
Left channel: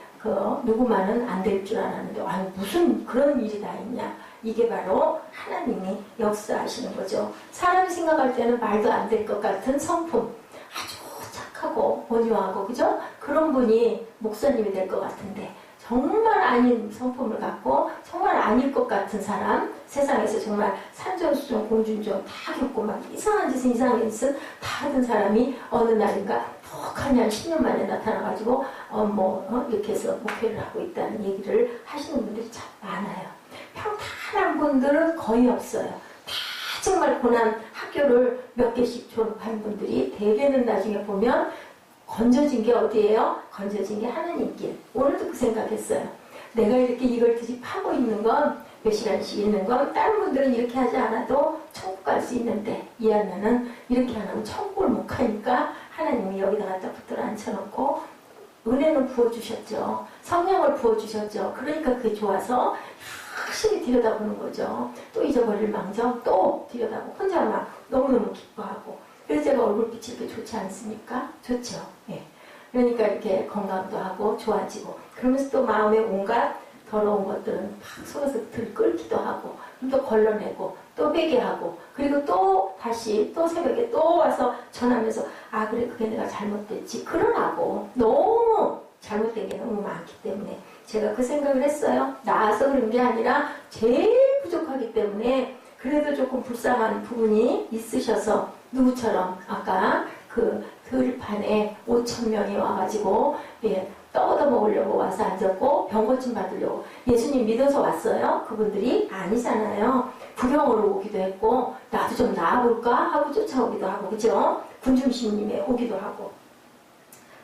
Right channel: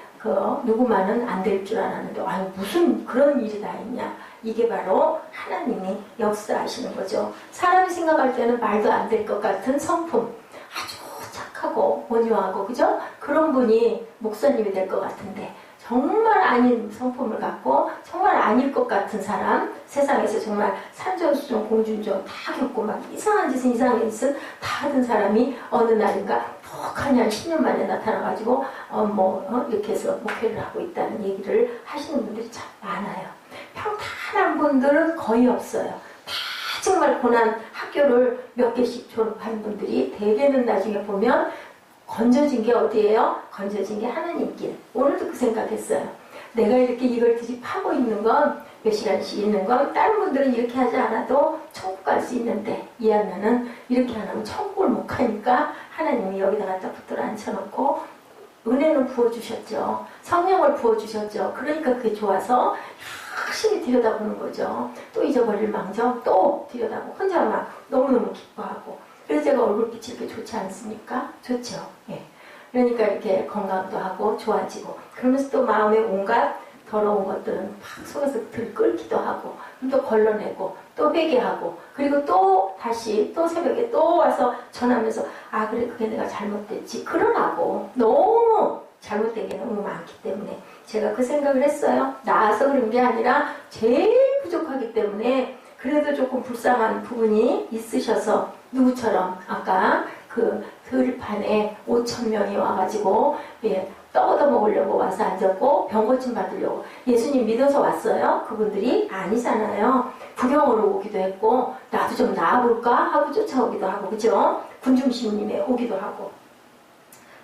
누구만은 안 될 줄 알았는데 아니 무슨 그런 일이 다 있냐. 이게 바로 하나님이 역사하시는 거죠. 사람이 생각할 때는 말도 안 될 것 같은 성품, 아주 착하고 온유하고 그죠? 그런 분이 목사님이 될 것 같은데 정말 아닌 성품을 갖고 정말 아닐 것 같은 사람, 세상에서 정말 산전수전 공준전 다 겪고 막 이상한 짓은 다 하던 사람이 어느 날인가 톡하니 한 10년 만에 나타나가지고 이렇게 해서 목회를 하고 있다는 얘기를 하시는 분들이 참 많아요. 평탄한 분들은 거의 없어요. 다 정말 고난 학교를 몇 개씩 졸업한 분들이 대개는 나중에 보면 건져진 게 어디예요? 건져진 게 하나님 길. 오늘도 그 생각했어요. 내가 이렇게 이걸 드립하고 있는 건 몇 시간씩 있는 건 다른 분들은 이렇게 하지 않아도 천국 갈 수 있는데 이 안나는 이렇게 안 하면 천국을 못 가니까 하나님이 여기다 갖다 붙들어 앉혀놓고 은혜는 부어주셨죠. 성령을 부어주셨죠. 그러니까 그게 좋아서 확실히 들여다보는 거죠. 또 잊어버릴 망정 또 들여다보고 혼자 막 너무너무 기뻐하고 그래서 제가 얼굴빛이 이렇게 좋지 않습니까? 좋죠. 그러니까 이렇게 건강도 하고 좋아지고 그러면서 또 마음에 온갖 더러운 것들은 막 속에서 들끓기도 하고 또 걸러내고 또 회개하고 그리고 또 다시 또 새벽에 또 와서 전하면서 아 그래 그게 내가 잘못됐지 그러라고 너무 잘못된 게 너무 많기 때문에 제가 그 생각을 했어요. 나아서 그런 게 아니라 제일 부족하기 때문에 그래도 조금 불쌍한 부분이 있으셔서 누구처럼 아까 그 들판에 5,000명이 와가지고 떡 얻어 먹으려고 와서 앉았고 병 고침 받으려고 예수님 믿어서 왔어요? 그분들이 아니잖아요. 구경으로 오기도 했고 나도 좀 나아볼까 하고 쫓아오기도 하고 그죠? 군중심님에 오기도 하고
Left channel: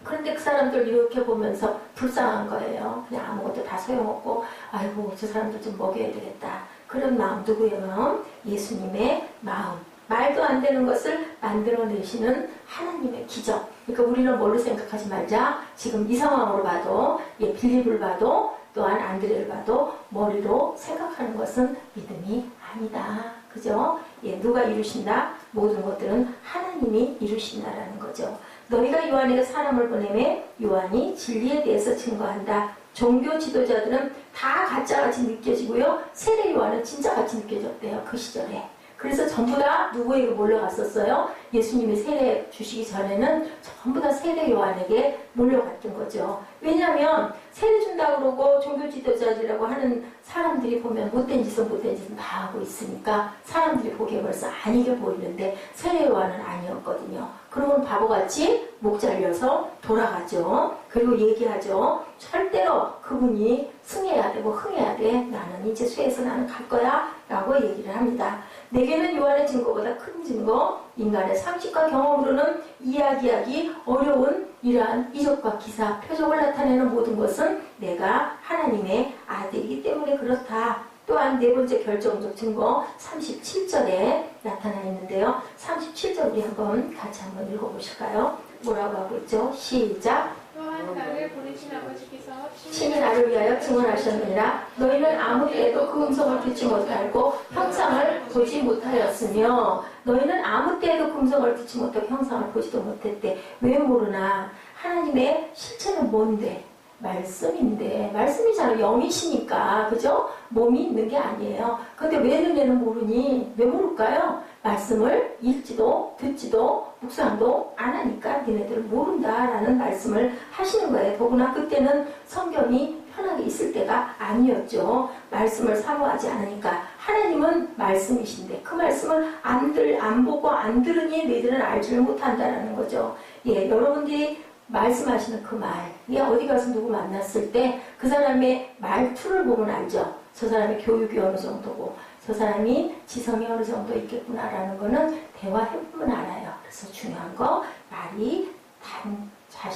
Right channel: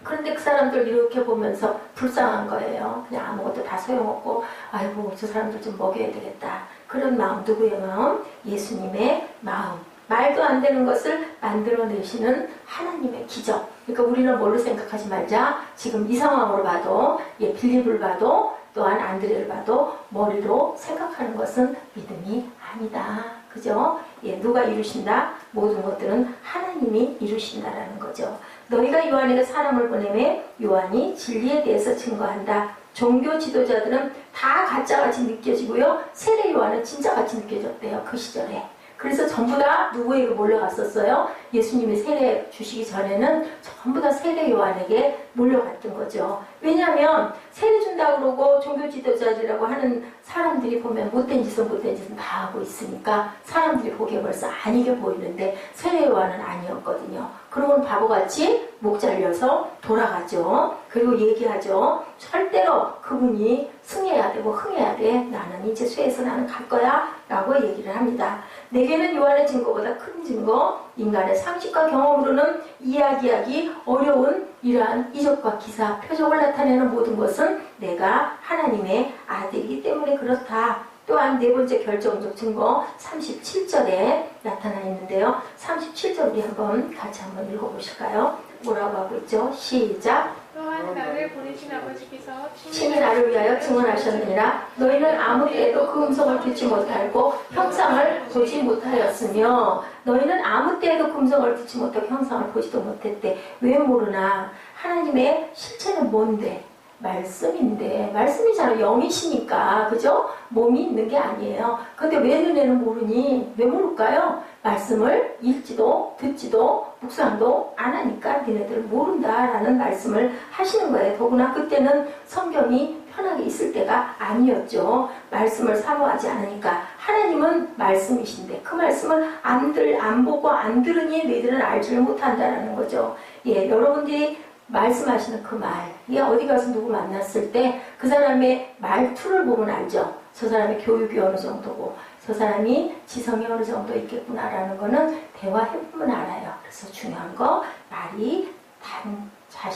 그런데 그 사람들 이렇게 보면서 불쌍한 거예요. 그냥 아무것도 다 소용없고 아이고 저 사람들 좀 먹여야 되겠다. 그런 마음 누구의 마음? 예수님의 마음. 말도 안 되는 것을 만들어내시는 하나님의 기적. 그러니까 우리는 뭘로 생각하지 말자. 지금 이 상황으로 봐도 빌립을 봐도 또한 안드레를 봐도 머리로 생각하는 것은 믿음이 아니다. 그죠? 누가 이루신다? 모든 것들은 하나님이 이루신다라는 거죠. 너희가 요한에게 사람을 보내매 요한이 진리에 대해서 증거한다. 종교 지도자들은 다 가짜같이 느껴지고요. 세례 요한은 진짜같이 느껴졌대요. 그 시절에. 그래서 전부 다 누구에게 몰려갔었어요? 예수님이 세례 주시기 전에는 전부 다 세례 요한에게 몰려갔던 거죠. 왜냐하면 세례 준다고 그러고 종교 지도자들이라고 하는 사람들이 보면 못된 짓은 다 하고 있으니까 사람들이 보기에 벌써 안 이겨 보이는데 세례 요한은 아니었거든요. 그러면 바보같이 목 잘려서 돌아가죠. 그리고 얘기하죠. 절대로 그분이 승해야 되고 흥해야 돼. 나는 이제 쇠에서 나는 갈 거야. 라고 얘기를 합니다. 내게는 요한의 증거보다 큰 증거, 인간의 상식과 경험으로는 이야기하기 어려운 이러한 이적과 기사, 표적을 나타내는 모든 것은 내가 하나님의 아들이기 때문에 그렇다. 또한 네 번째 결정적 증거 37절에 나타나 있는데요. 37절 우리 같이 한번 읽어보실까요? 뭐라고 하고 있죠? 시작. 또한 나를 보내신 아버지께서 친히 나를 위하여 증언하셨느니라. 너희는 아무 때에도 그 음성을 듣지 못하고 형상을 보지 못하였으며 너희는 아무 때에도 그 음성을 듣지 못하고 형상을 보지도 못했대. 왜 모르나? 하나님의 실체는 뭔데? 말씀인데 말씀이잖아. 영이시니까 그죠? 몸이 있는 게 아니에요. 근데 왜 너네는 모르니? 왜 모를까요? 말씀을 읽지도 듣지도 묵상도 안 하니까 니네들 모른다라는 말씀을 하시는 거예요. 더구나 그때는 성경이 편하게 있을 때가 아니었죠. 말씀을 사모하지 않으니까. 하나님은 말씀이신데 그 말씀을 안 보고 안 들으니 너희들은 알지를 못한다라는 거죠. 여러분들이 말씀하시는 그 말, 어디 가서 누구 만났을 때 그 사람의 말투를 보면 알죠. 저 사람의 교육이 어느 정도고 저 사람이 지성이 어느 정도 있겠구나라는 거는 대화해보면 알아요. 그래서 중요한 거 말이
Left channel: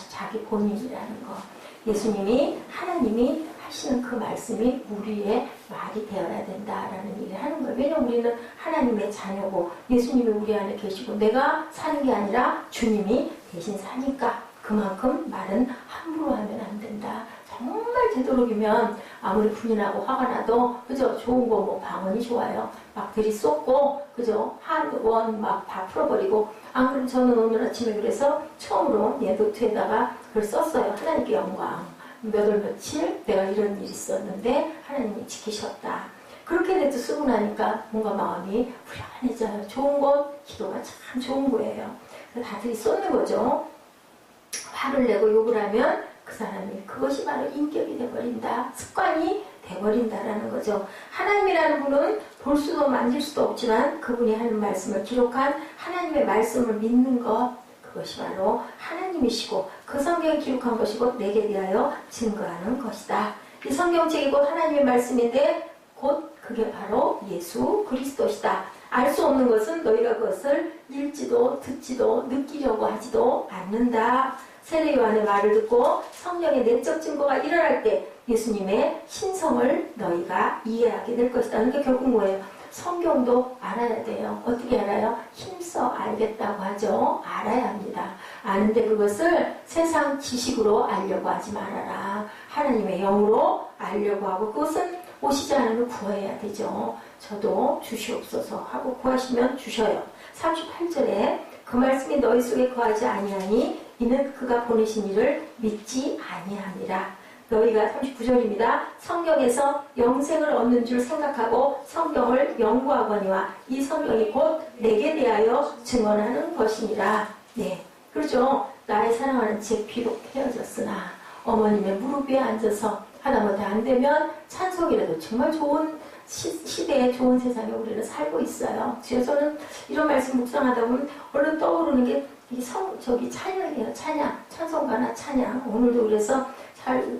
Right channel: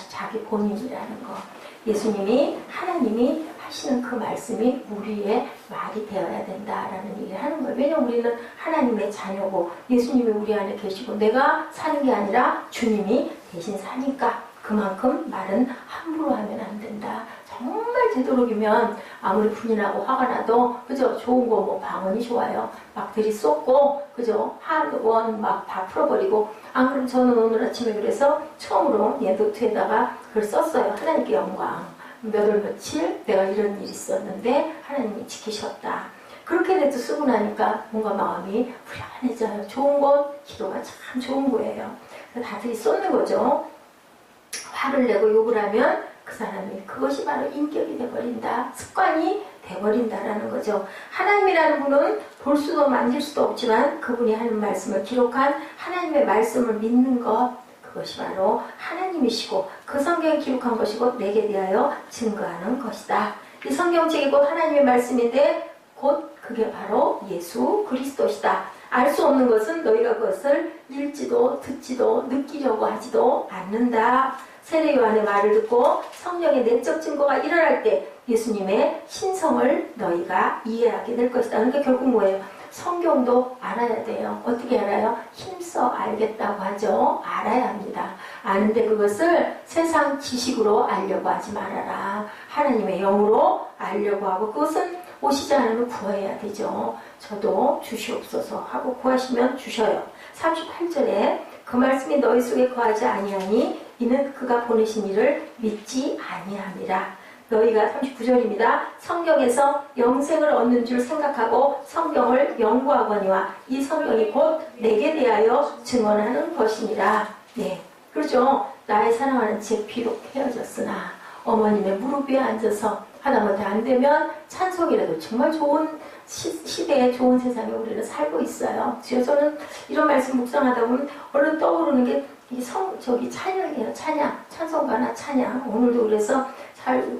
자기 본인이라는 거. 예수님이 하나님이 하시는 그 말씀이 우리의 말이 되어야 된다라는 얘기를 하는 거예요. 왜냐면 우리는 하나님의 자녀고 예수님이 우리 안에 계시고 내가 사는 게 아니라 주님이 대신 사니까 그만큼 말은 함부로 하면 안 된다. 정말 되도록이면 아무리 분이 나고 화가 나도 그죠? 좋은 거 뭐 방언이 좋아요. 막 들이쏟고 그죠? 한원 막 다 풀어버리고 안 그럼 저는 오늘 아침에 그래서 처음으로 노트에다가 그걸 썼어요. 하나님께 영광. 몇 월 며칠 내가 이런 일이 있었는데 하나님이 지키셨다. 그렇게 내도 쓰고 나니까 뭔가 마음이 후련해져요. 좋은 것, 기도가 참 좋은 거예요. 다 들이쏟는 거죠. 화를 내고 욕을 하면 그 사람이 그것이 바로 인격이 돼버린다. 습관이 돼버린다라는 거죠. 하나님이라는 분은 볼 수도 만질 수도 없지만 그분이 하는 말씀을 기록한 하나님의 말씀을 믿는 것, 그것이 바로 하나님이시고 그 성경에 기록한 것이고 내게 대하여 증거하는 것이다. 이 성경책이 곧 하나님의 말씀인데 곧 그게 바로 예수 그리스도시다. 알 수 없는 것은 너희가 그것을 읽지도 듣지도 느끼려고 하지도 않는다. 세례 요한의 말을 듣고 성령의 내적 증거가 일어날 때 예수님의 신성을 너희가 이해하게 될 것이다. 그러니까 결국 뭐예요? 성경도 알아야 돼요. 어떻게 알아요? 힘써 알겠다고 하죠. 알아야 합니다. 아는데 그것을 세상 지식으로 알려고 하지 말아라. 하나님의 영으로 알려고 하고 그것은 오시지 않으면 구해야 되죠. 저도 주시옵소서 하고 구하시면 주셔요. 38절에 그 말씀이 너희 속에 거하지 아니하니 이는 그가 보내신 이를 믿지 아니함이라. 너희가 39절입니다. 성경에서 영생을 얻는 줄 생각하고 성경을 연구하거니와 이 성경이 곧 내게 대하여 증언하는 것이니라. 네, 그렇죠. 나의 사랑하는 제 비록 헤어졌으나 어머님의 무릎 위에 앉아서 하다못해 안 되면 찬송이라도 정말 좋은 시대에 좋은 세상에 우리는 살고 있어요. 그래서 저는 이런 말씀 묵상하다 보면 얼른 떠오르는 게 저기 찬양이에요. 찬송가나 찬양. 오늘도 그래서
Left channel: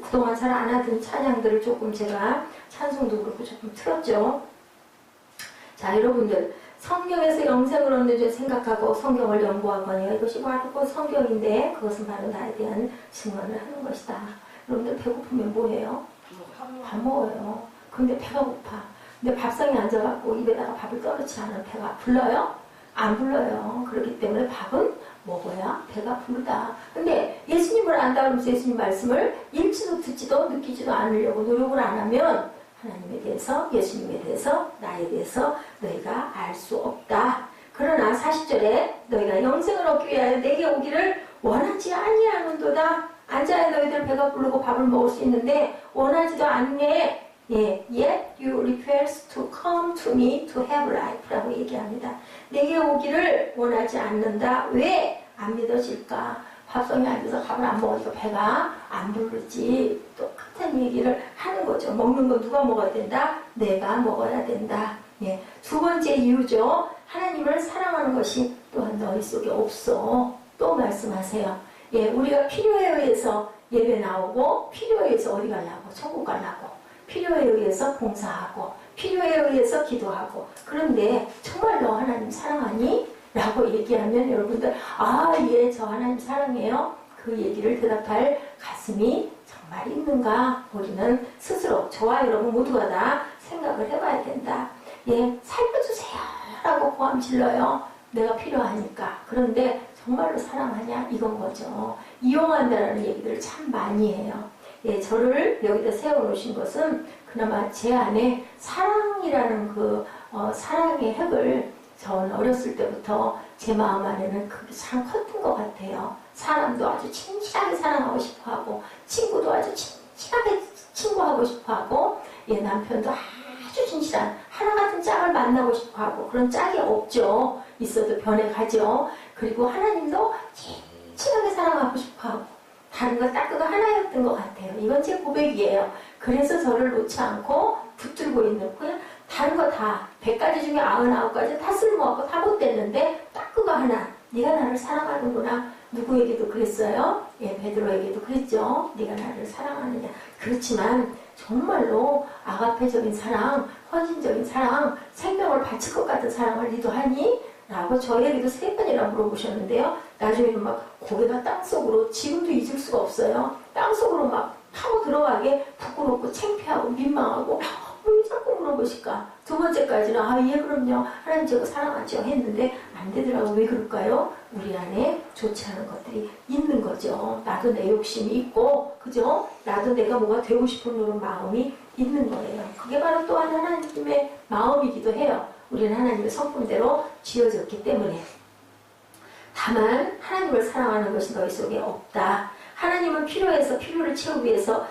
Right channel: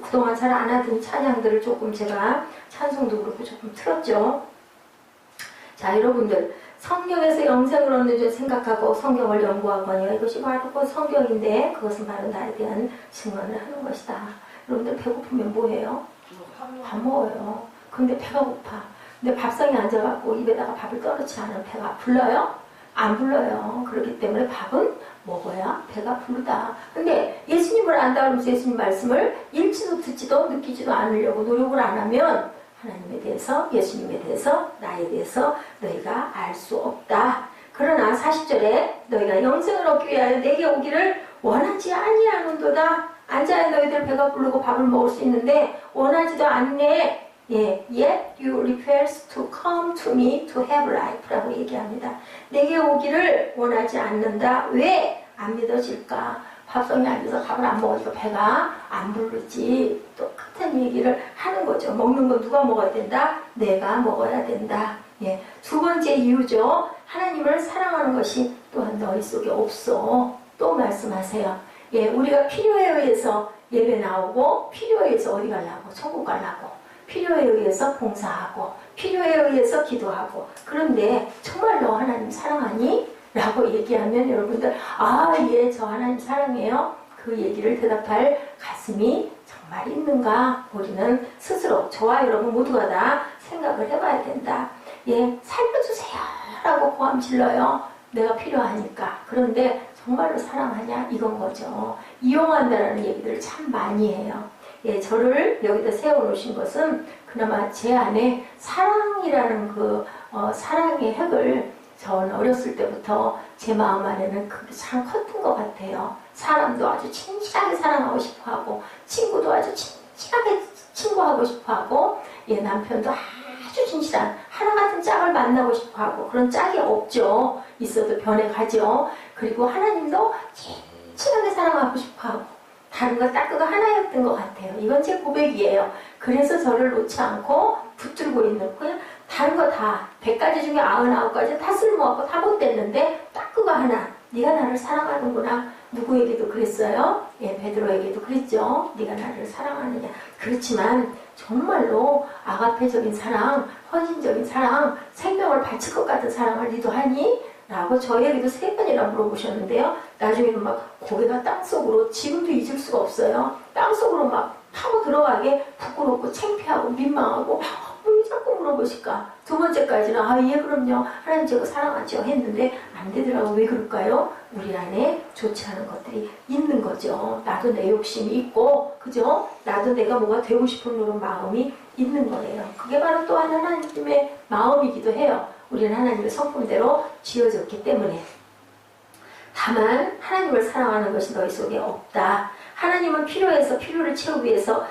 그동안 잘 안 하던 찬양들을 조금 제가 찬송도 그렇고 조금 틀었죠. 자, 여러분들 성경에서 영생을 얻는 줄 생각하고 성경을 연구하거니와 이것이 바로 성경인데 그것은 바로 나에 대한 증언을 하는 것이다. 여러분들 배고프면 뭐해요? 밥 먹어요. 근데 배가 고파. 근데 밥상에 앉아갖고 입에다가 밥을 떠놓지 않으면 배가 불러요? 안 불러요. 그렇기 때문에 밥은 먹어야 배가 부르다. 근데 예수님을 안다 그러면서 예수님 말씀을 읽지도 듣지도 느끼지도 않으려고 노력을 안 하면 하나님에 대해서, 예수님에 대해서, 나에 대해서 너희가 알 수 없다. 그러나 40절에 너희가 영생을 얻기 위하여 내게 오기를 원하지 아니하는도다. 앉아야 너희들 배가 부르고 밥을 먹을 수 있는데 원하지도 않네. 예, yet you refuse to come to me to have life 라고 얘기합니다. 내게 오기를 원하지 않는다. 왜? 안 믿어질까? 밥상에 앉아서 밥을 안 먹으니까 배가 안 부르지. 똑같은 얘기를 하는 거죠. 먹는 건 누가 먹어야 된다? 내가 먹어야 된다. 예, 두 번째 이유죠. 하나님을 사랑하는 것이 또한 너희 속에 없어. 또 말씀하세요. 예, 우리가 필요에 의해서 예배 나오고 필요에 의해서 어디 가려고? 천국 가려고. 필요에 의해서 봉사하고 필요에 의해서 기도하고 그런데 정말 너 하나님 사랑하니? 라고 얘기하면 여러분들 예, 저 하나님 사랑해요. 그 얘기를 대답할 가슴이 정말 있는가? 우리는 스스로 저와 여러분 모두가 다 생각을 해봐야 된다. 예, 살려주세요 라고 고함 질러요. 내가 필요하니까. 그런데 정말로 사랑하냐? 이건 거죠. 이용한다라는 얘기들을 참 많이 해요. 예, 저를 여기다 세워놓으신 것은 그나마 제 안에 사랑이라는 사랑의 핵을 전 어렸을 때부터 제 마음 안에는 그게 참 컸던 것 같아요. 사람도 아주 친밀하게 사랑하고 싶어하고 친구도 아주 친밀하게 친구하고 싶어하고 예, 남편도 아주 진실한 하나같은 짝을 만나고 싶어하고 그런 짝이 없죠. 있어도 변해가죠. 그리고 하나님도 친하게 사랑하고 싶어하고 다른 거 딱 그거 하나였던 것 같아요. 이건 제 고백이에요. 그래서 저를 놓지 않고 붙들고 있는 그냥 다른 거 다 100가지 중에 99가지 다 쓸모없고 다 못됐는데 딱 그거 하나 네가 나를 사랑하는구나. 누구에게도 그랬어요? 예, 베드로에게도 그랬죠. 네가 나를 사랑하느냐. 그렇지만 정말로 아가페적인 사랑, 헌신적인 사랑, 생명을 바칠 것 같은 사랑을 니도 하니? 라고 저에게도 3번이나 물어보셨는데요. 나중에는 막 고개가 땅속으로 지금도 잊을 수가 없어요. 땅속으로 막 파고 들어가게 부끄럽고 창피하고 민망하고 왜 자꾸 물어보실까? 2번째까지는 예 그럼요. 하나님 저거 사랑하죠 했는데 안 되더라고. 왜 그럴까요? 우리 안에 좋지 않은 것들이 있는 거죠. 나도 내 욕심이 있고 그죠? 나도 내가 뭐가 되고 싶은 그런 마음이 있는 거예요. 그게 바로 또한 하나님의 마음이기도 해요. 우리는 하나님의 성품대로 지어졌기 때문에. 다만 하나님을 사랑하는 것이 너희 속에 없다. 하나님은 필요해서 필요를 채우기 위해서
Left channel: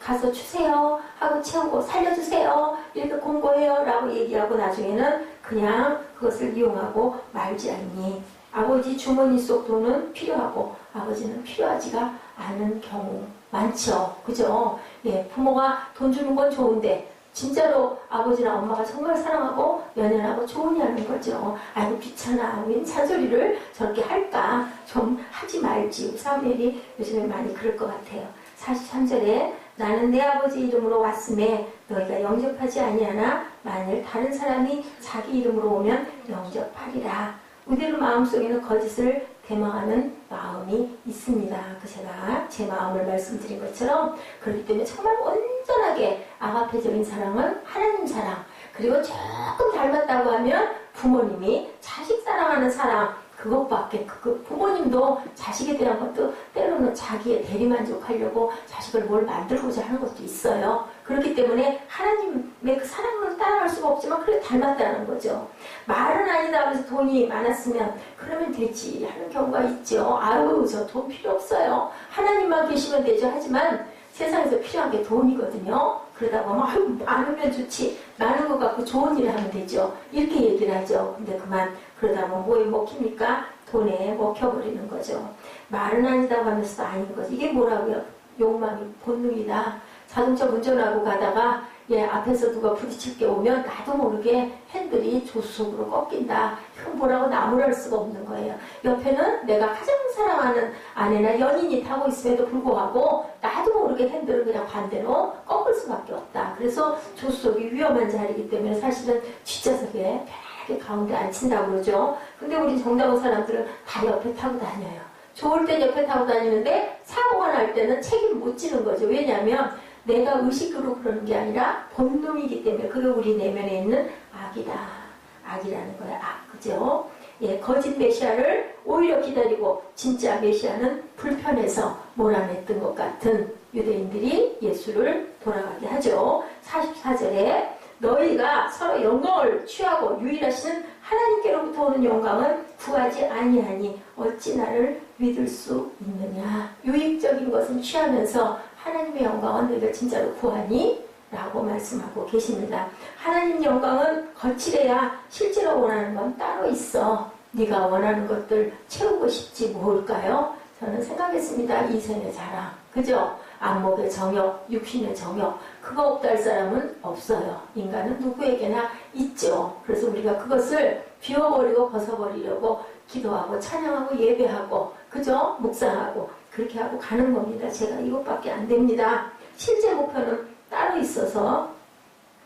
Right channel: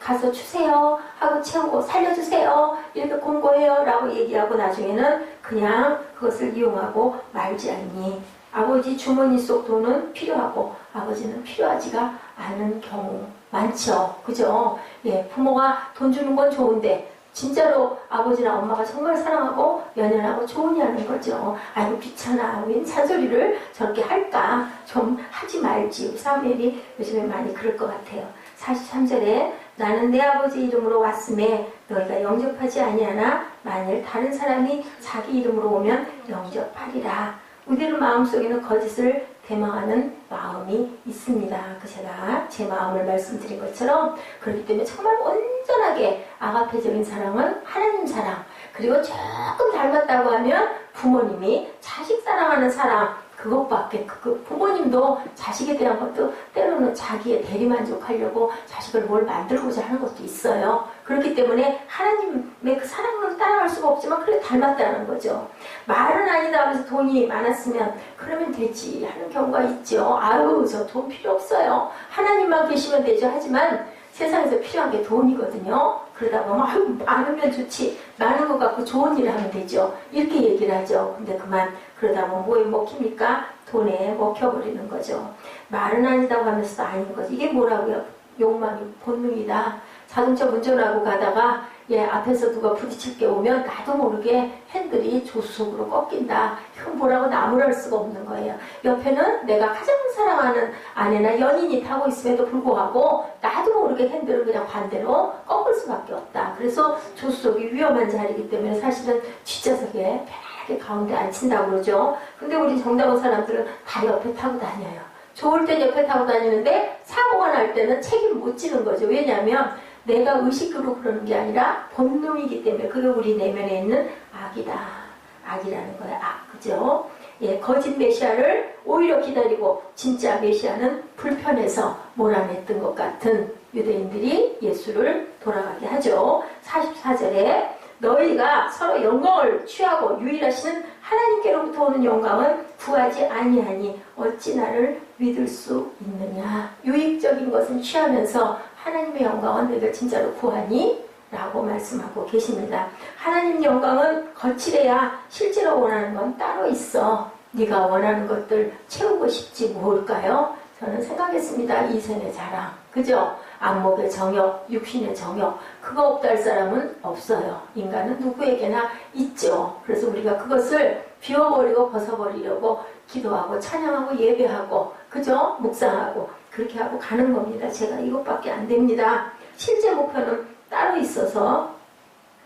가서 주세요 하고 채우고 살려주세요 이렇게 공고해요 라고 얘기하고 나중에는 그냥 그것을 이용하고 말지 않니. 아버지 주머니 속 돈은 필요하고 아버지는 필요하지가 않은 경우 많죠. 그죠? 예, 부모가 돈 주는 건 좋은데 진짜로 아버지나 엄마가 정말 사랑하고 연연하고 좋으냐는 거죠. 아이고 귀찮아. 웬 잔소리를 저렇게 할까? 좀 하지 말지. 사무엘이 요즘에 많이 그럴 것 같아요. 43절에 나는 내 아버지 이름으로 왔음에 너희가 영접하지 아니하나 만일 다른 사람이 자기 이름으로 오면 영접하리라. 우리들 마음속에는 거짓을 대망하는 마음이 있습니다. 제가 제 마음을 말씀드린 것처럼 그렇기 때문에 정말 온전하게 아가페적인 사랑은 하나님 사랑, 그리고 조금 닮았다고 하면 부모님이 자식 사랑하는 사랑, 그것밖에 부모님도 자식에 대한 것도 때로는 자기의 대리만족하려고 자식을 뭘 만들고자 하는 것도 있어요. 그렇기 때문에 하나님의 그 사랑은 따라갈 수가 없지만 그래 닮았다는 거죠. 말은 아니다 하면서 돈이 많았으면 그러면 되지 하는 경우가 있죠. 아유 저 돈 필요 없어요. 하나님만 계시면 되죠. 하지만 세상에서 필요한 게 돈이거든요. 그러다 보면 아유 많으면 좋지, 많은 것 갖고 좋은 일을 하면 되죠, 이렇게 얘기를 하죠. 근데 그만 그러다 보면 뭐에 먹힙니까? 돈에 먹혀버리는 거죠. 말은 아니다고 하면서도 아닌 거죠. 이게 뭐라고요? 욕망이 본능이다. 자동차 운전하고 가다가 앞에서 누가 부딪힐 게 오면 나도 모르게 핸들이 조수석으로 꺾인다. 이건 뭐라고 나무랄 수가 없는 거예요. 옆에는 내가 가장 사랑하는 아내나 연인이 타고 있음에도 불구하고 나도 모르게 핸들을 그냥 반대로 꺾을 수밖에 없다. 그래서 조수석이 위험한 자리이기 때문에 사실은 뒷좌석에 편하게 가운데 앉힌다고 그러죠. 근데 우리 정다운 사람들은 다 옆에 타고 다녀요. 좋을 땐 옆에 타고 다니는데 사고가 날 때는 책임을 못 지는 거죠. 왜냐하면 내가 의식으로 그러는 게 아니라 본능이기 때문에 그게 우리 내면에 있는 악이다. 악이라는 거야. 악. 그죠? 거짓 메시아를 오히려 기다리고 진짜 메시아는 불편해서 몰아냈던 것 같은 유대인들이 예수를 돌아가게 하죠. 44절에 너희가 서로 영광을 취하고 유일하신 하나님께로부터 오는 영광은 구하지 아니하니 어찌 나를 믿을 수 있느냐. 유익적인 것은 취하면서 하나님의 영광은 너희가 진짜로 구하니? 라고 말씀하고 계십니다. 하나님 영광은 거칠해야 실제로 원하는 건 따로 있어. 네가 원하는 것들 채우고 싶지 뭘까요? 저는 생각했습니다. 이생의 자랑. 그죠? 안목의 정욕, 육신의 정욕. 그거 없다 할 사람은 없어요. 인간은 누구에게나 있죠. 그래서 우리가 그것을 비워버리고 벗어버리려고 기도하고 찬양하고 예배하고, 그죠? 묵상하고 그렇게 하고 가는 겁니다. 제가 이것밖에 안 됩니다. 실제 목표는 따로 있어서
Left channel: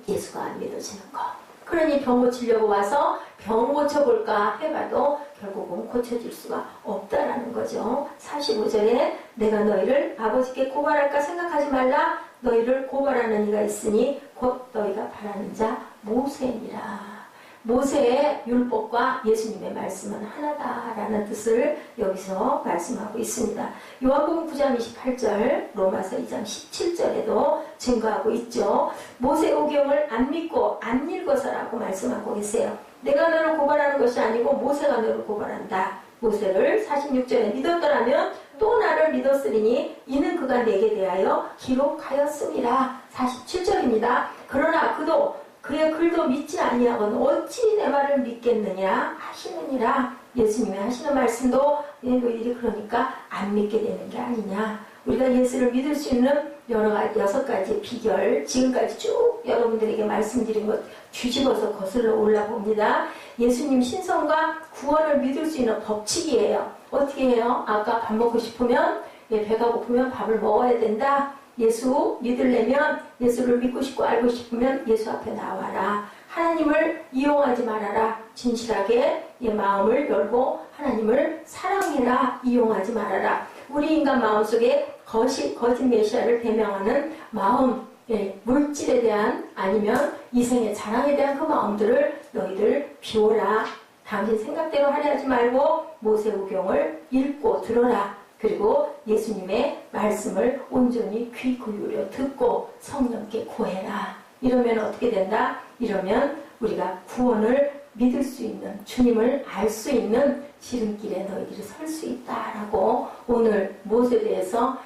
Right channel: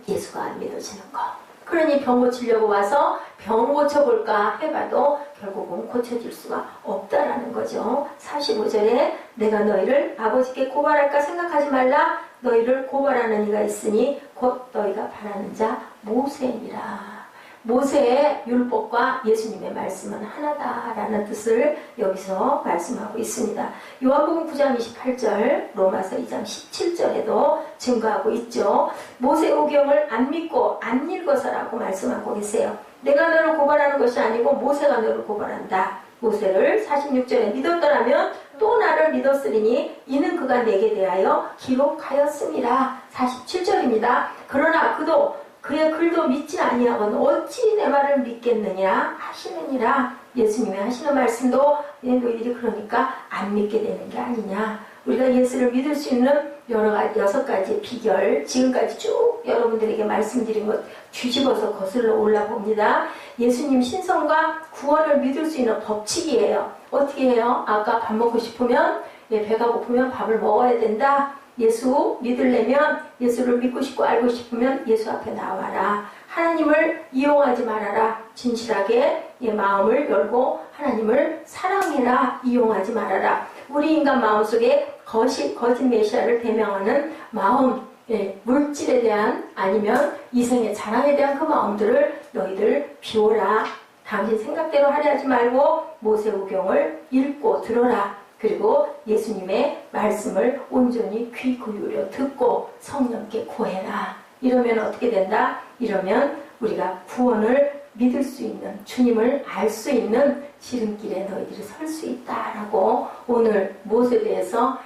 예수가 안 믿어지는 거. 그러니 병 고치려고 와서 병 고쳐볼까 해봐도 결국은 고쳐질 수가 없다라는 거죠. 45절에 내가 너희를 아버지께 고발할까 생각하지 말라. 너희를 고발하는 이가 있으니 곧 너희가 바라는 자 모세니라. 모세의 율법과 예수님의 말씀은 하나다라는 뜻을 여기서 말씀하고 있습니다. 요한복음 9장 28절, 로마서 2장 17절에도 증거하고 있죠. 모세오경을 안 믿고 안 읽어서라고 말씀하고 계세요. 내가 너를 고발하는 것이 아니고 모세가 너를 고발한다. 모세를 46절에 믿었더라면 또 나를 믿었으리니 이는 그가 내게 대하여 기록하였음이라. 47절입니다. 그러나 그도 그의 글도 믿지 아니하거든 어찌 내 말을 믿겠느냐 하시느니라. 예수님이 하시는 말씀도 너희들이 그러니까 안 믿게 되는 게 아니냐. 우리가 예수를 믿을 수 있는 여러 가지 6가지 비결, 지금까지 쭉 여러분들에게 말씀드린 것 뒤집어서 거슬러 올라봅니다. 예수님 신성과 구원을 믿을 수 있는 법칙이에요. 어떻게 해요? 아까 밥 먹고 싶으면, 배가 고프면 밥을 먹어야 된다. 예수 믿으려면, 예수를 믿고 싶고 알고 싶으면 예수 앞에 나와라. 하나님을 이용하지 말아라. 진실하게 마음을 열고 하나님을 사랑해라. 이용하지 말아라. 우리 인간 마음속에 거짓 메시아를 대명하는 마음, 물질에 대한 아니면 이생의 자랑에 대한 그 마음들을 너희들 비워라. 당신 생각대로 하려 하지 말고 모세오경을 읽고 들어라. 그리고 예수님의 말씀을 온전히 귀 기울여 듣고 성령께 구해라. 이러면 어떻게 된다? 이러면 우리가 구원을 믿을 수 있는, 주님을 알 수 있는 지름길에 너희들이 설 수 있다라고 오늘 모세에 대해서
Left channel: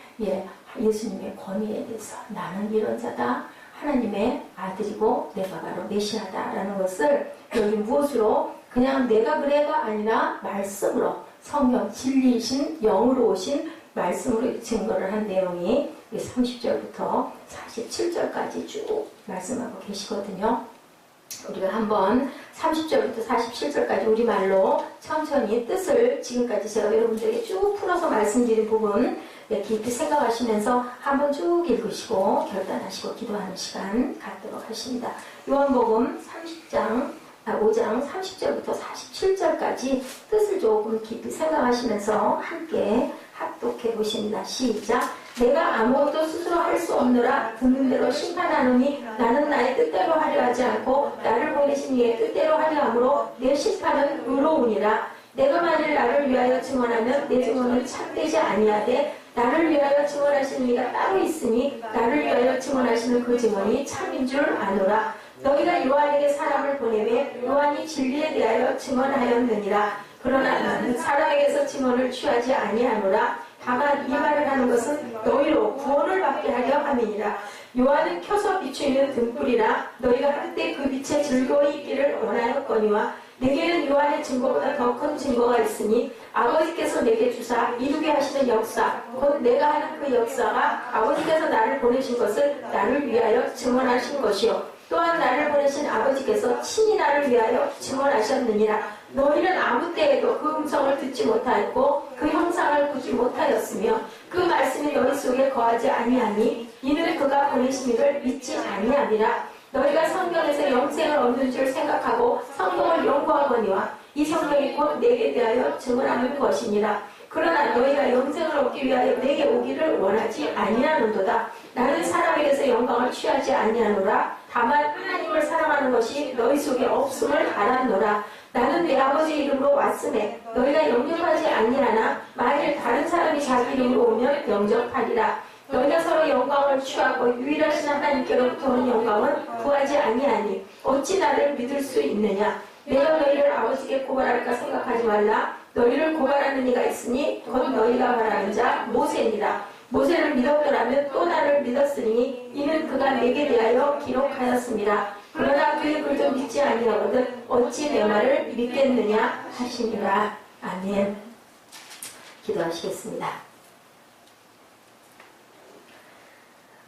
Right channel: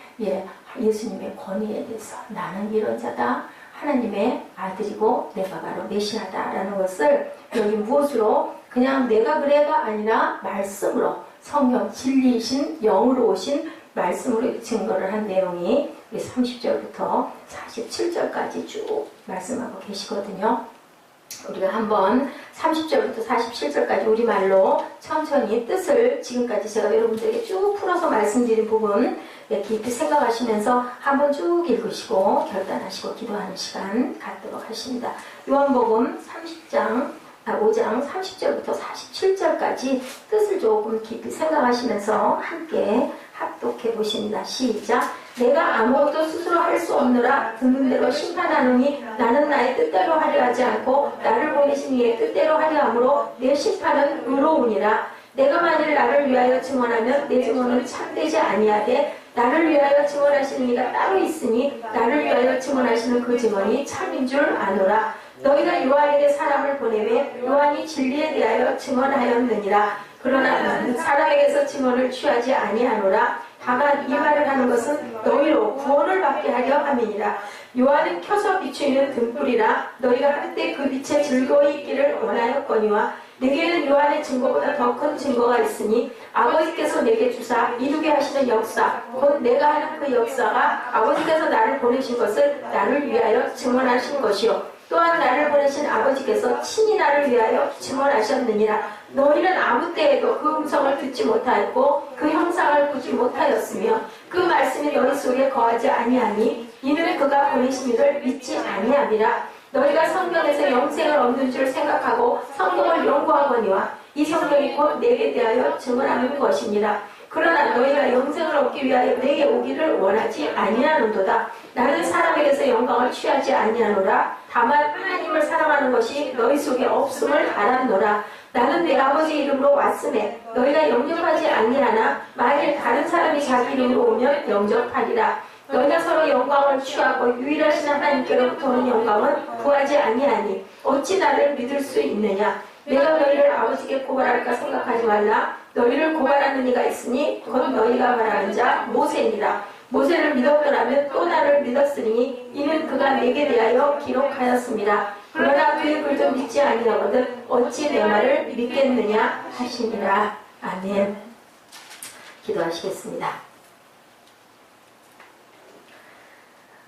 예수님의 권위에 대해서 나는 이런 자다. 하나님의 아들이고 내가 바로 메시아다라는 것을 여기 무엇으로 그냥 내가 그래가 아니라 말씀으로 성령 진리이신 영으로 오신 말씀으로 증거를 한 내용이 30절부터 47절까지 쭉 말씀하고 계시거든요. 우리가 한번 30절부터 47절까지 우리말로 천천히 뜻을 지금까지 제가 여러분들에게 쭉 풀어서 말씀드린 부분 깊이 생각하시면서 한번 쭉 읽으시고 결단하시고 기도하는 시간 갖도록 하십니다. 요한복음 5장 30절부터 47절까지 뜻을 조금 깊이 생각하시면서 함께 합독해 보십니다. 시작. 내가 아무것도 스스로 할 수 없느라 듣는 대로 심판하노니 나는 나의 뜻대로 하려 하지 않고 나를 보내신 이의 뜻대로 하려 함으로 내 심판은 의로우니라. 내가 만일 나를 위하여 증언하면 내 증언은 참되지 아니하되 나를 위하여 증언하시는 이가 따로 있으니 나를 위하여 증언하시는 그 증언이 참인 줄 아노라. 너희가 요한에게 사람을 보내매 요한이 진리에 대하여 증언하였느니라. 그러나 나는 사람에게서 증언을 취하지 아니하노라. 다만 이 말을 하는 것은 너희로 구원을 받게 하려 함이니라. 요한은 켜서 비추이는 등불이라. 너희가 한때 그 빛에 즐거이 있기를 원하였거니와 내게는 요한의 증거보다 더 큰 증거가 있으니 아버지께서 내게 주사 이루게 하시는 역사 곧 내가 하는 그 역사가 아버지께서 나를 보내신 것을 나를 위하여 증언하신 것이요 또한 나를 보내신 아버지께서 친히 나를 위하여 증언하셨느니라. 너희는 아무 때에도 그 음성을 듣지 못하였고 그 형상을 보지 못하였으며 그 말씀이 너희 속에 거하지 아니하니 이는 그가 보내심이를 믿지 아니함이라. 너희가 성경에서 영생을 얻는 줄 생각하고 성경을 연구하거니와 이 성경이 곧 내게 대하여 증언하는 것이니라. 그러나 너희가 영생을 얻기 위하여 내게 오기를 원하지 아니하는도다. 나는 사람에게서 영광을 취하지 아니하노라. 다만 하나님을 사랑하는 것이 너희 속에 없음을 알았노라. 나는 내 아버지 이름으로 왔음에 너희가 영접하지 아니하나 만일 다른 사람이 자기 이름으로 오면 영접하리라. 너희가 서로 영광을 취하고 유일하신 하나님께로부터 오는 영광은 구하지 아니하니 어찌 나를 믿을 수 있느냐. 내가 너희를 아버지께 고발할까 생각하지 말라. 너희를 고발하는 이가 있으니 곧 너희가 말하는 자 모세니라. 모세를 믿었더라면 또 나를 믿었으니 이는 그가 내게 대하여 기록하였습니다. 그러나 그의 글도 믿지 아니하거든 어찌 내 말을 믿겠느냐 하시니라. 아멘. 기도하시겠습니다.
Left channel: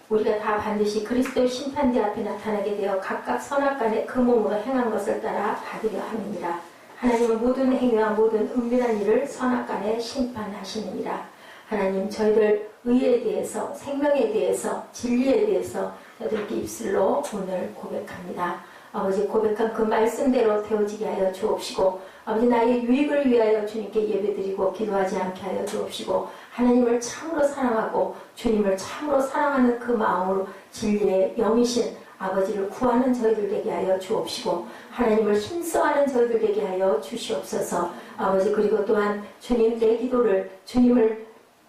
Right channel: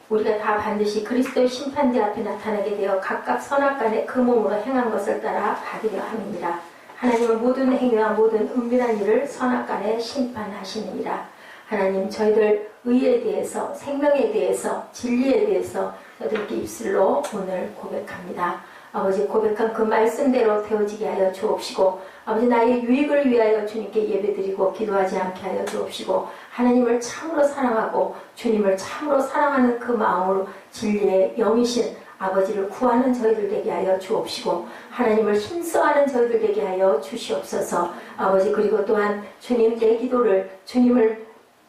우리가 다 반드시 그리스도의 심판대 앞에 나타나게 되어 각각 선악간에 그 몸으로 행한 것을 따라 받으려 함이니라. 하나님은 모든 행위와 모든 은밀한 일을 선악간에 심판하시느니라. 하나님, 저희들 의에 대해서, 생명에 대해서, 진리에 대해서 저희들께 입술로 오늘 고백합니다. 아버지, 고백한 그 말씀대로 되어지게 하여 주옵시고, 아버지, 나의 유익을 위하여 주님께 예배드리고 기도하지 않게 하여 주옵시고, 하나님을 참으로 사랑하고 주님을 참으로 사랑하는 그 마음으로 진리의 영이신 아버지를 구하는 저희들 되게 하여 주옵시고, 하나님을 힘써하는 저희들 되게 하여 주시옵소서. 아버지, 그리고 또한 주님, 내 기도를 주님을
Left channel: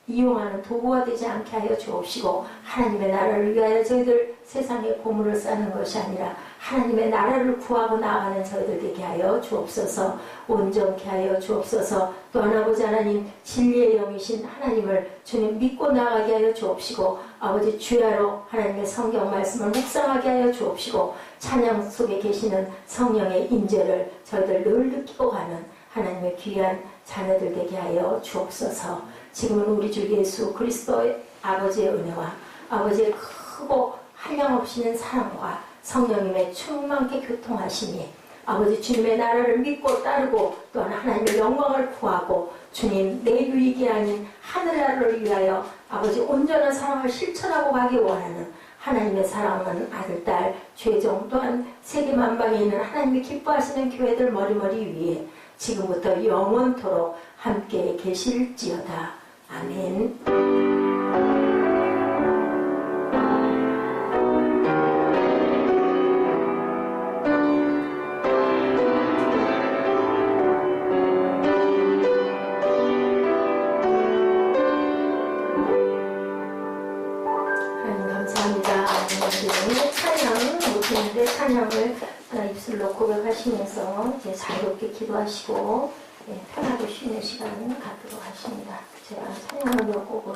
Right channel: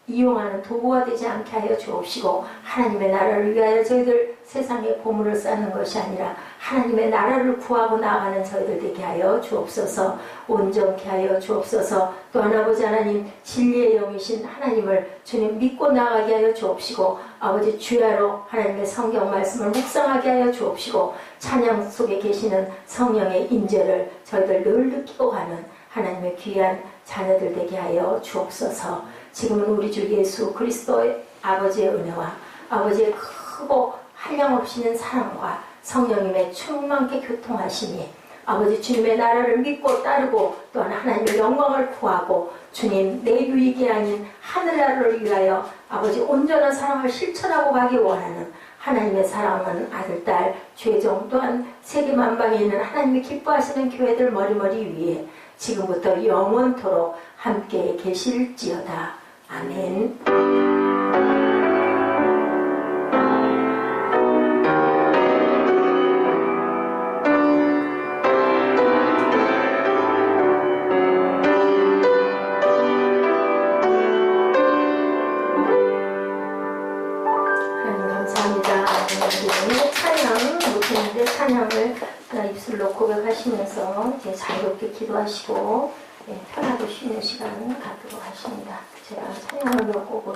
이용하는 도구가 되지 않게 하여 주옵시고, 하나님의 나라를 위하여 저희들 세상에 보물을 쌓는 것이 아니라 하나님의 나라를 구하고 나아가는 저희들 되게 하여 주옵소서. 온전케 하여 주옵소서. 또한 아버지 하나님, 진리의 영이신 하나님을 주님 믿고 나아가게 하여 주옵시고, 아버지 주야로 하나님의 성경 말씀을 묵상하게 하여 주옵시고, 찬양 속에 계시는 성령의 임재를 저희들 늘 느끼고 가는 하나님의 귀한 자녀들 되게 하여 주옵소서. 지금은 우리 주 예수 그리스도의 아버지의 은혜와 아버지의 크고 한량없이는 사랑과 성령님의 충만케 교통하시니 아버지 주님의 나라를 믿고 따르고 또한 하나님의 영광을 구하고 주님 내 유익이 아닌 하늘나라를 위하여 아버지 온전한 사랑을 실천하고 가기 원하는 하나님의 사랑하는 아들, 딸, 죄종 또한 세계 만방에 있는 하나님이 기뻐하시는 교회들 머리머리 위에 지금부터 영원토록 함께 계실지어다. 아멘. 하나님 감사합니다. 오늘 찬양 못했는데 찬양을 입술로 고백하시면서 이제 자유롭게 기도하시고 편하게 쉬는 시간 갖도록 하십니다. 제가 찬양을 몇 곡을